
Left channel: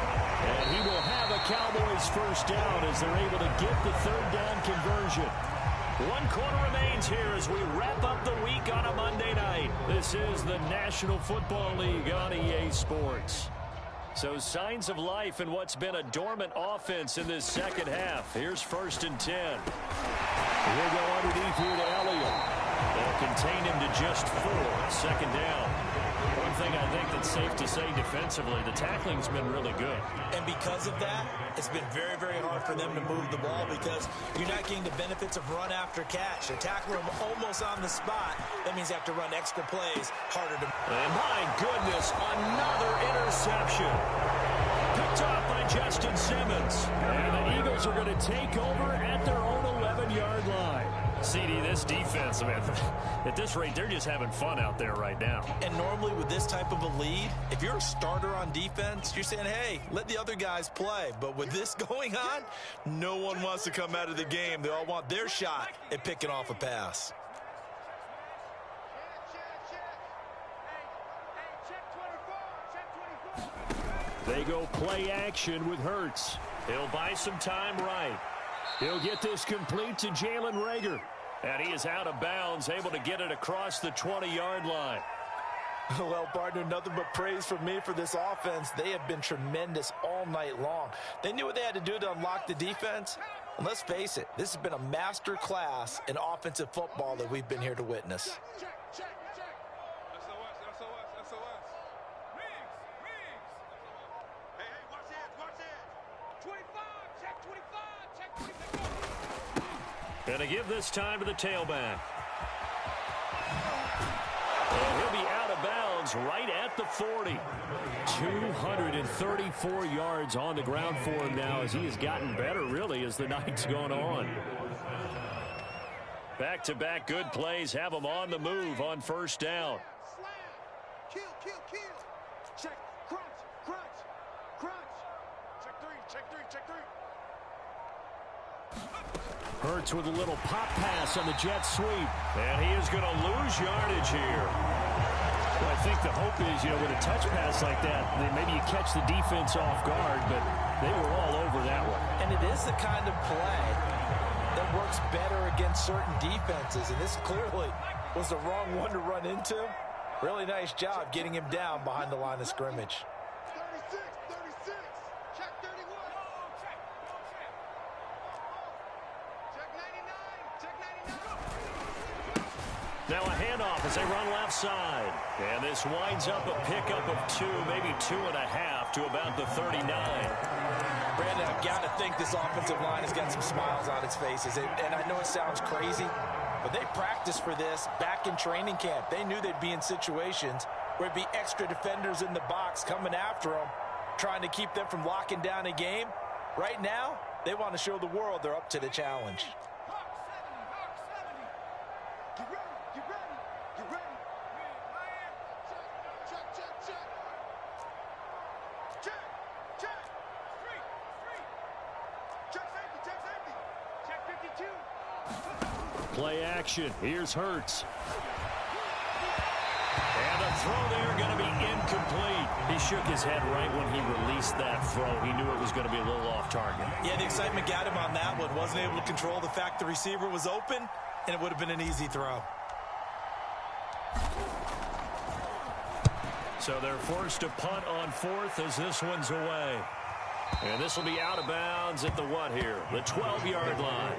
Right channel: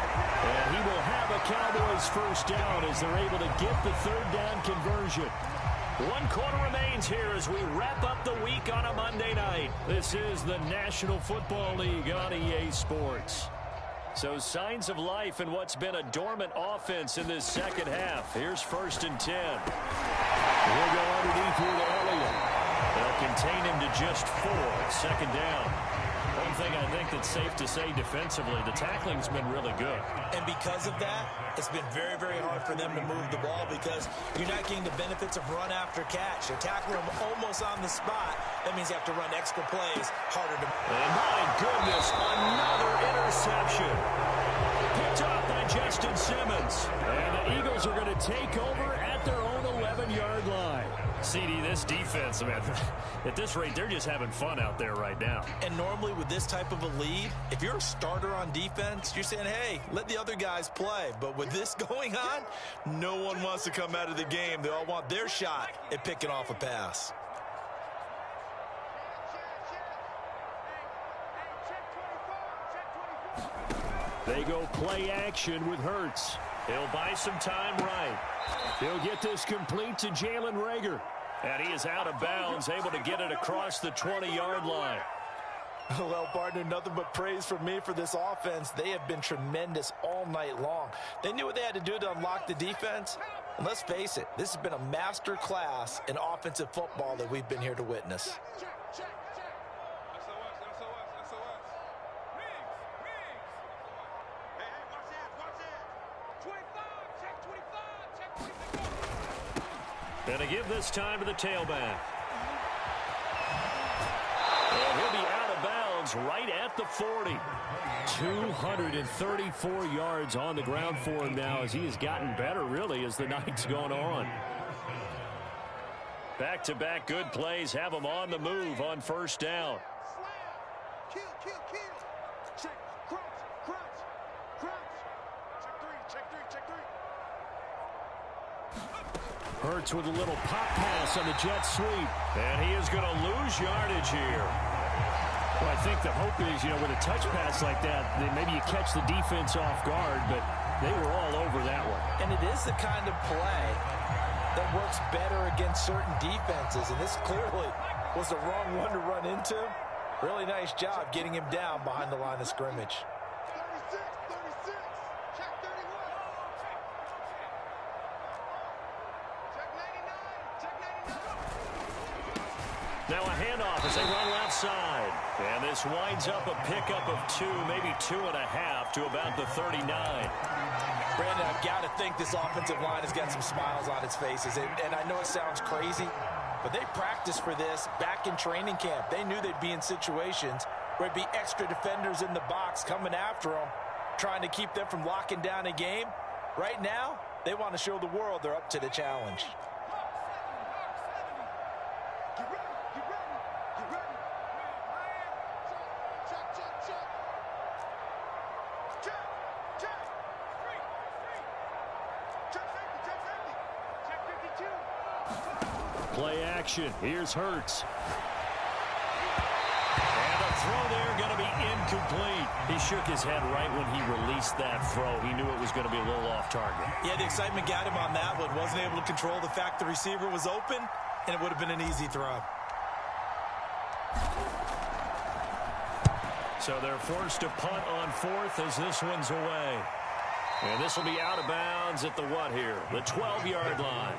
And he will have a Cowboys first down as they're able to get the third down conversion. 1 quarter remains here as we wrap up the week on a Monday night. This is the National Football League on EA Sports. So signs of life in what's been a dormant offense in this second half. Here's 1st and 10. He'll go underneath here to Elliott. They'll contain him to just 4. 2nd down. One thing I think that's safe to say defensively, the tackling's been really good. And because of that, it's been very, very hard for them to move the ball because you're not getting the benefits of run after catch. They're tackling them almost on the spot. That means you have to run extra plays harder to... And my goodness, another interception. Picked off by Justin Simmons. And the Eagles are going to take over at their own 11-yard line. CD, this defense, man, at this rate, they're just having fun out there right now. And normally with this type of a lead, if you're a starter on defense, you're saying, hey, let the other guys play. But with this going on, no one wants to come out of the game. They all want their shot at picking off a pass. They go play action with Hurts. He'll buy some time right. He'll get this complete to Jalen Reagor. And he is out of bounds, able to get it across the 20-yard line. Well, partner, nothing but praise from me for this offense. They have been tremendous all night long. They knew what they had to do to unlock the defense. And let's face it, this has been a master class in offensive football that we've been here to witness. Going to give this time to the tailback. And he'll be out of bounds right at the 40. 234 yards on the ground for him now as he has gotten better, really, as the night's gone on. Back-to-back good plays have him on the move on 1st down. Slam. Kill. Check. Crunch. Check three. Hurts with a little pop pass on the jet sweep. And he is going to lose yardage here. Well, I think the hope is, with a touch pass like that, maybe you catch the defense off guard, but they were all over that one. And it is the kind of play that works better against certain defenses, and this clearly was the wrong one to run into. Really nice job getting him down behind the line of scrimmage. 36. Check 31. Check 99. Now a handoff as they run left side. And this winds up a pickup of 2, maybe 2.5 to about the 39. Brandon, I've got to think this offensive line has got some smiles on its faces. And I know it sounds crazy, but they practiced for this back in training camp. They knew they'd be in situations where it'd be extra defenders in the box coming after them, trying to keep them from locking down a game. Right now, they want to show the world they're up to the challenge. Get ready. Check 52. Play action. Here's Hurts. And the throw there going to be incomplete. He shook his head right when he released that throw. He knew it was going to be a little off target. Yeah, the excitement got him on that one. Wasn't able to control the fact the receiver was open, and it would have been an easy throw. So they're forced to punt on 4th as this one's away. And this will be out of bounds at the what here? The 12-yard line.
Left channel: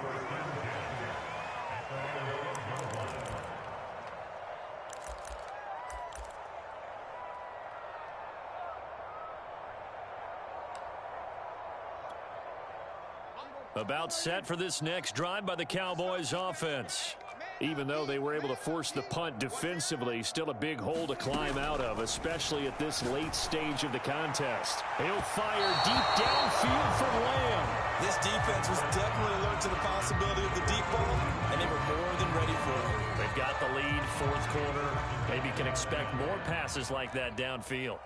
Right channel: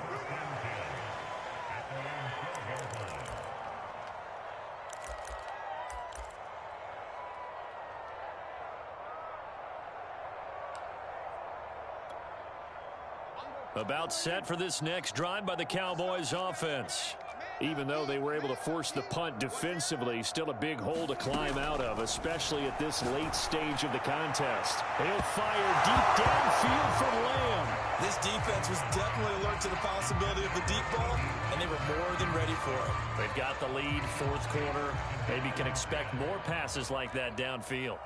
About set for this next drive by the Cowboys offense. Even though they were able to force the punt defensively, still a big hole to climb out of, especially at this late stage of the contest. He'll fire deep downfield from Lamb. This defense was definitely alert to the possibility of the deep ball, and they were more than ready for it. They've got the lead, 4th quarter. Maybe can expect more passes like that downfield.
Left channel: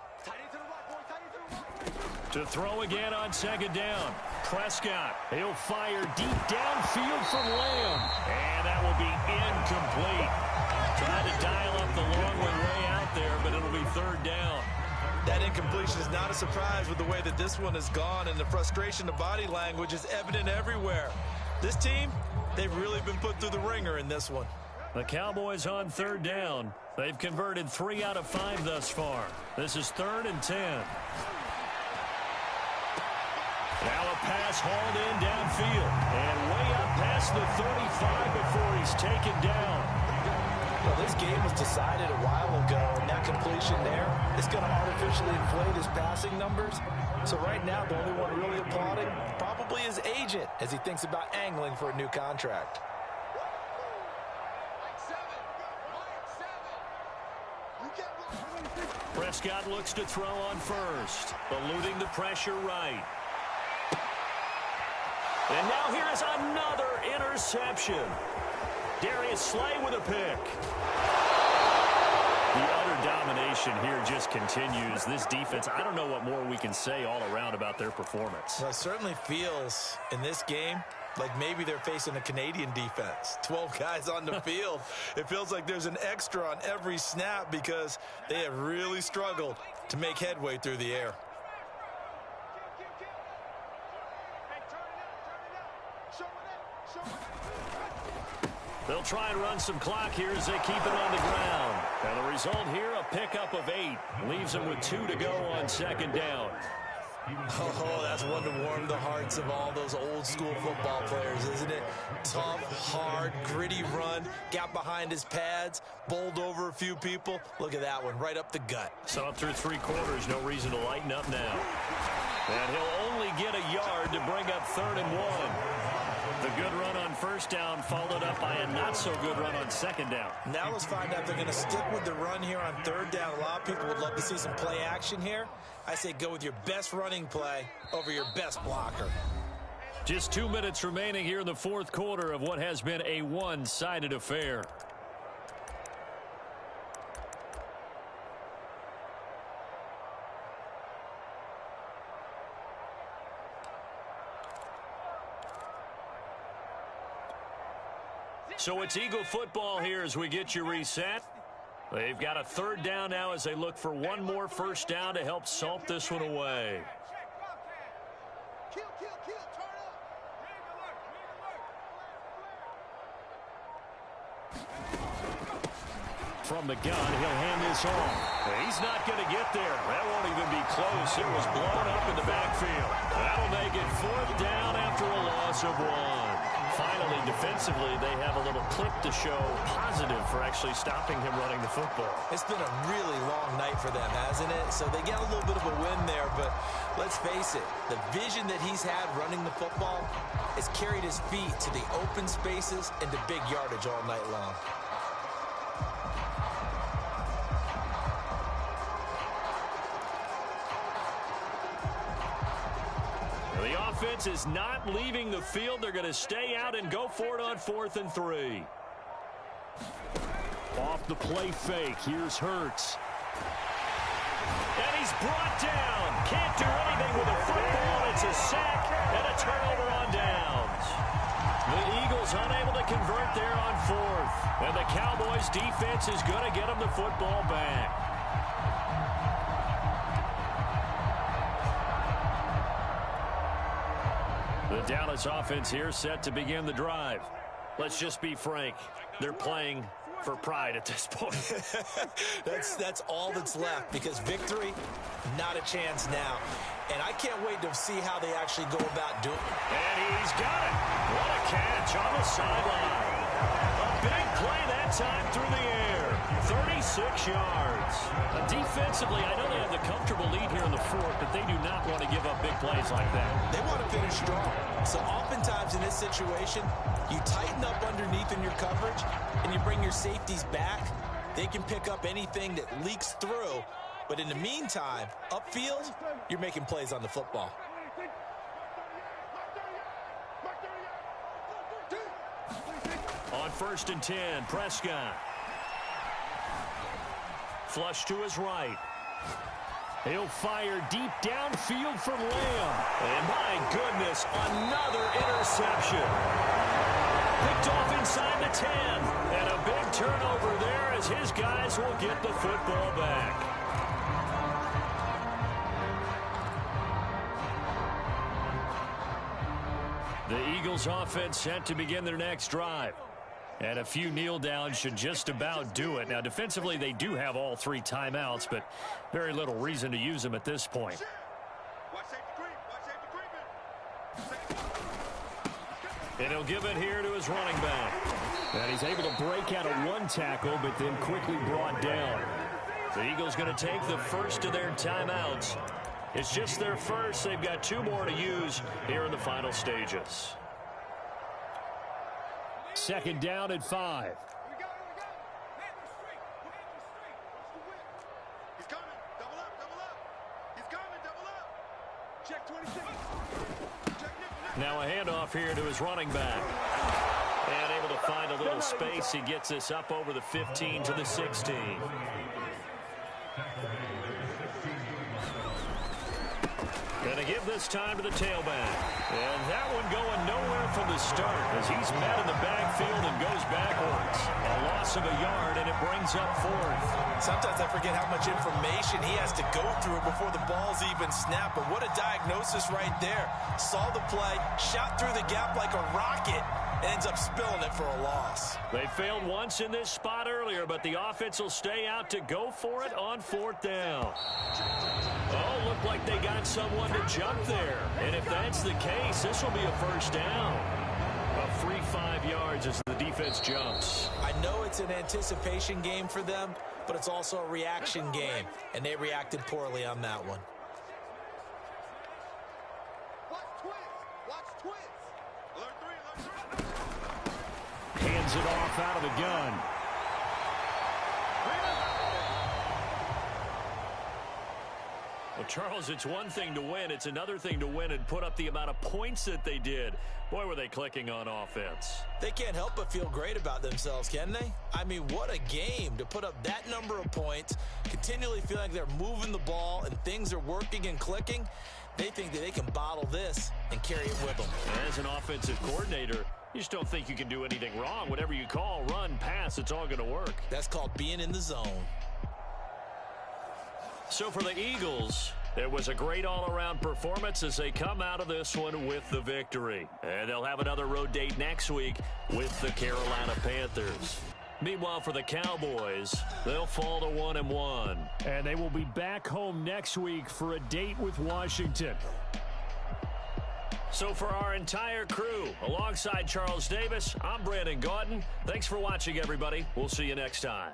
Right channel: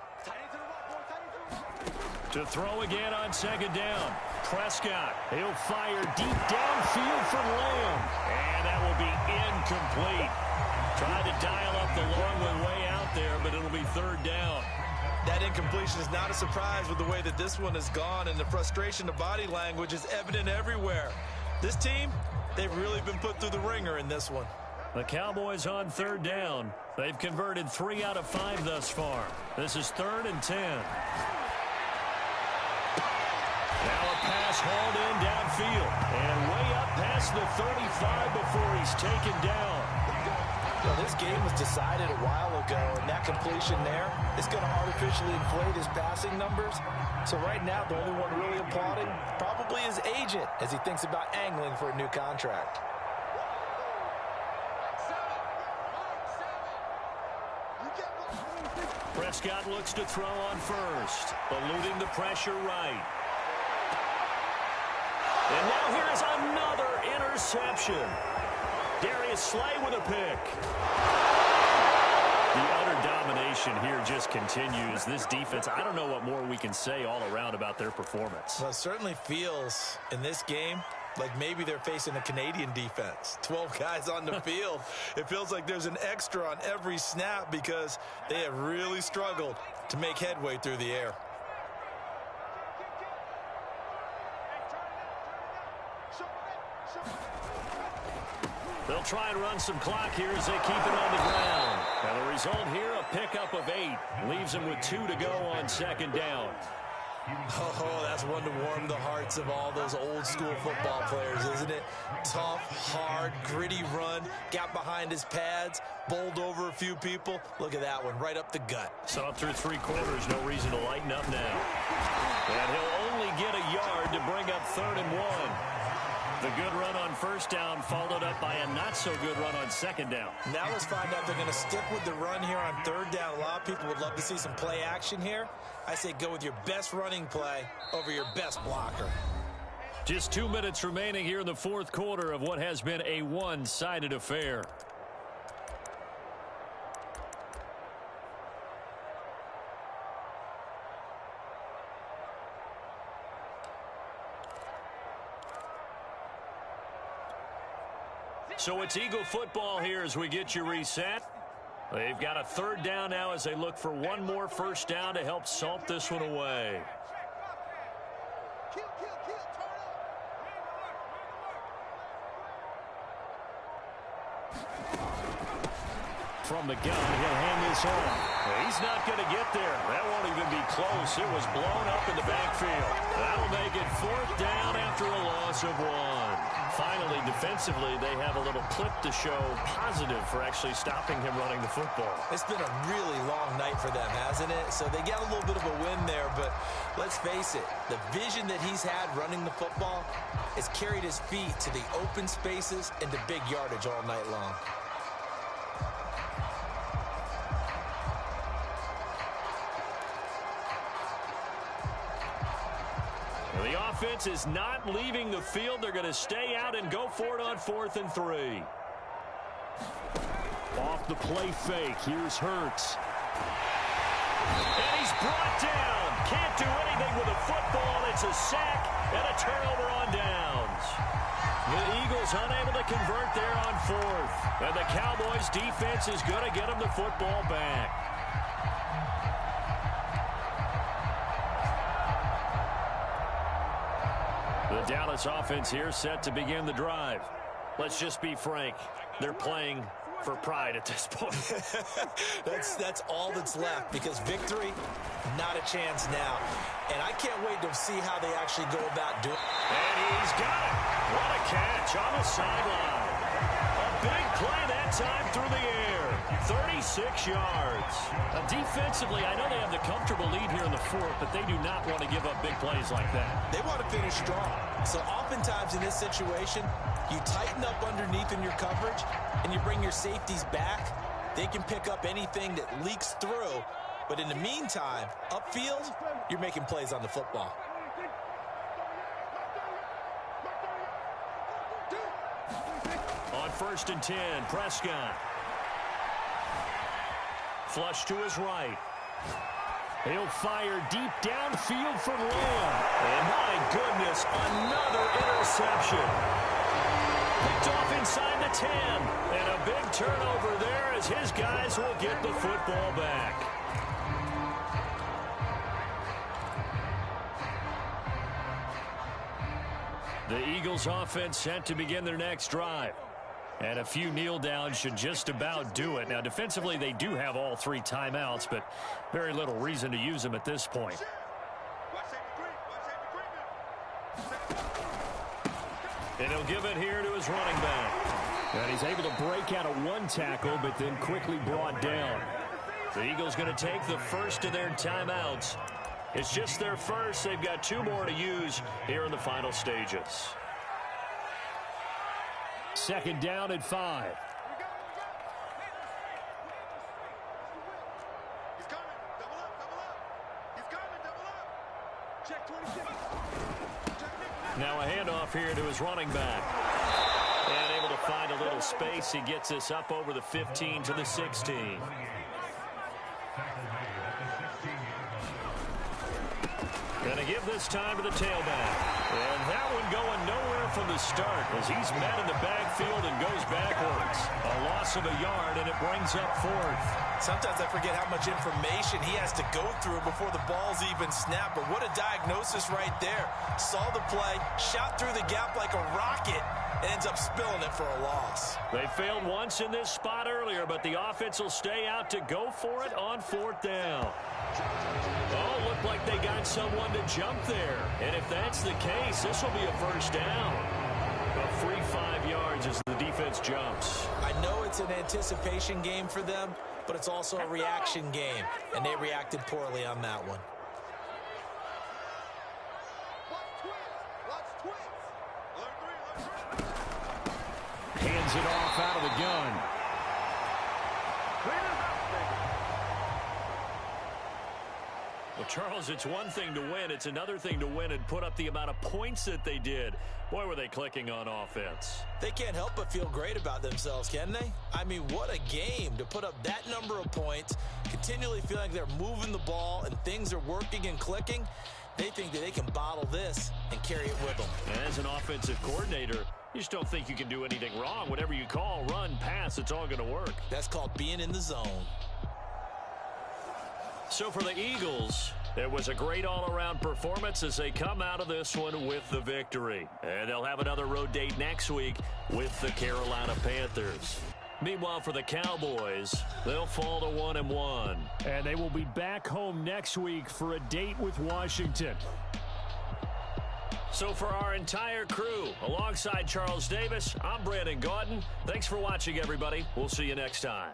To throw again on 2nd down. Prescott. He'll fire deep downfield from Lamb. And that will be incomplete. Tried to dial up the long one way out there, but it'll be 3rd down. That incompletion is not a surprise with the way that this one has gone, and the frustration of body language is evident everywhere. This team, they've really been put through the ringer in this one. The Cowboys on 3rd down. They've converted 3 out of 5 thus far. This is 3rd and 10. pass hauled in downfield. And way up past the 35 before he's taken down. Well, this game was decided a while ago, and that completion there is going to artificially inflate his passing numbers. So right now, the only one really applauding probably his agent as he thinks about angling for a new contract. Prescott looks to throw on first, eluding the pressure right. And now here is another interception. Darius Slay with a pick. The utter domination here just continues. This defense, I don't know what more we can say all around about their performance. Well, it certainly feels in this game like maybe they're facing a Canadian defense. 12 guys on the field. It feels like there's an extra on every snap because they have really struggled to make headway through the air. They'll try and run some clock here as they keep it on the ground. And the result here, a pickup of 8. Leaves them with 2 to go on second down. Oh, that's one to warm the hearts of all those old school football players, isn't it? Tough, hard, gritty run. Got behind his pads, bowled over a few people. Look at that one, right up the gut. So up through 3 quarters, no reason to lighten up now. And he'll only get a yard to bring up 3rd and 1. The good run on first down followed up by a not-so-good run on second down. Now let's find out if they're going to stick with the run here on 3rd down. A lot of people would love to see some play action here. I say go with your best running play over your best blocker. Just 2 minutes remaining here in the 4th quarter of what has been a one-sided affair. So it's Eagle football here as we get you reset. They've got a 3rd down now as they look for one more first down to help salt this one away. Kill, turn up. From the gun, he'll hand this off. He's not going to get there. That won't even be close. It was blown up in the backfield. That'll make it 4th down after a loss of 1. Finally, defensively, they have a little clip to show positive for actually stopping him running the football. It's been a really long night for them, hasn't it? So they got a little bit of a win there, but let's face it, the vision that he's had running the football has carried his feet to the open spaces and to big yardage all night long. The offense is not leaving the field. They're going to stay out and go for it on 4th and 3. Off the play fake. Here's Hurts. And he's brought down. Can't do anything with a football. It's a sack and a turnover on downs. The Eagles unable to convert there on 4th. And the Cowboys defense is going to get them the football back. The Dallas offense here set to begin the drive. Let's just be frank. They're playing for pride at this point. That's all that's left because victory, not a chance now. And I can't wait to see how they actually go about doing it. And he's got it. What a catch on the sideline. A big play that time through the air. 36 yards. Defensively, I know they have the comfortable lead here in the 4th, but they do not want to give up big plays like that. They want to finish strong. So oftentimes in this situation, you tighten up underneath in your coverage and you bring your safeties back. They can pick up anything that leaks through. But in the meantime, upfield, you're making plays on the football. On 1st and 10, Prescott. Flush to his right. He'll fire deep downfield for Lamb. And my goodness, another interception. Picked off inside the 10. And a big turnover there as his guys will get the football back. The Eagles offense set to begin their next drive. And a few kneel downs should just about do it. Now, defensively, they do have all 3 timeouts, but very little reason to use them at this point. Watch safety creep. Watch safety creeping. And he'll give it here to his running back. And he's able to break out of one tackle, but then quickly brought down. The Eagles going to take the first of their timeouts. It's just their first. They've got 2 more to use here in the final stages. 2nd down and 5. He's coming. Double up. He's coming. Double up. Check 26. Check nickel. Now a handoff here to his running back. And able to find a little space. He gets this up over the 15 to the 16. Going to give this time to the tailback. And that one going nowhere from the start as he's met in the backfield and goes backwards. A loss of a yard, and it brings up 4th. Sometimes I forget how much information he has to go through before the ball's even snapped. But what a diagnosis right there. Saw the play, shot through the gap like a rocket, and ends up spilling it for a loss. They failed once in this spot earlier, but the offense will stay out to go for it on 4th down. Oh, looked like they got someone to jump there. And if that's the case, this will be a first down. A free 5 yards as the defense jumps. I know it's an anticipation game for them, but it's also a reaction game, and they reacted poorly on that one. Watch twins. Alert 3. Hands it off out of the gun. Well, Charles, it's one thing to win. It's another thing to win and put up the amount of points that they did. Boy, were they clicking on offense. They can't help but feel great about themselves, can they? I mean, what a game to put up that number of points, continually feeling like they're moving the ball and things are working and clicking. They think that they can bottle this and carry it with them. As an offensive coordinator, you just don't think you can do anything wrong. Whatever you call, run, pass, it's all going to work. That's called being in the zone. So for the Eagles, it was a great all-around performance as they come out of this one with the victory. And they'll have another road date next week with the Carolina Panthers. Meanwhile, for the Cowboys, they'll fall to 1-1. And they will be back home next week for a date with Washington. So for our entire crew, alongside Charles Davis, I'm Brandon Gaudin. Thanks for watching, everybody. We'll see you next time.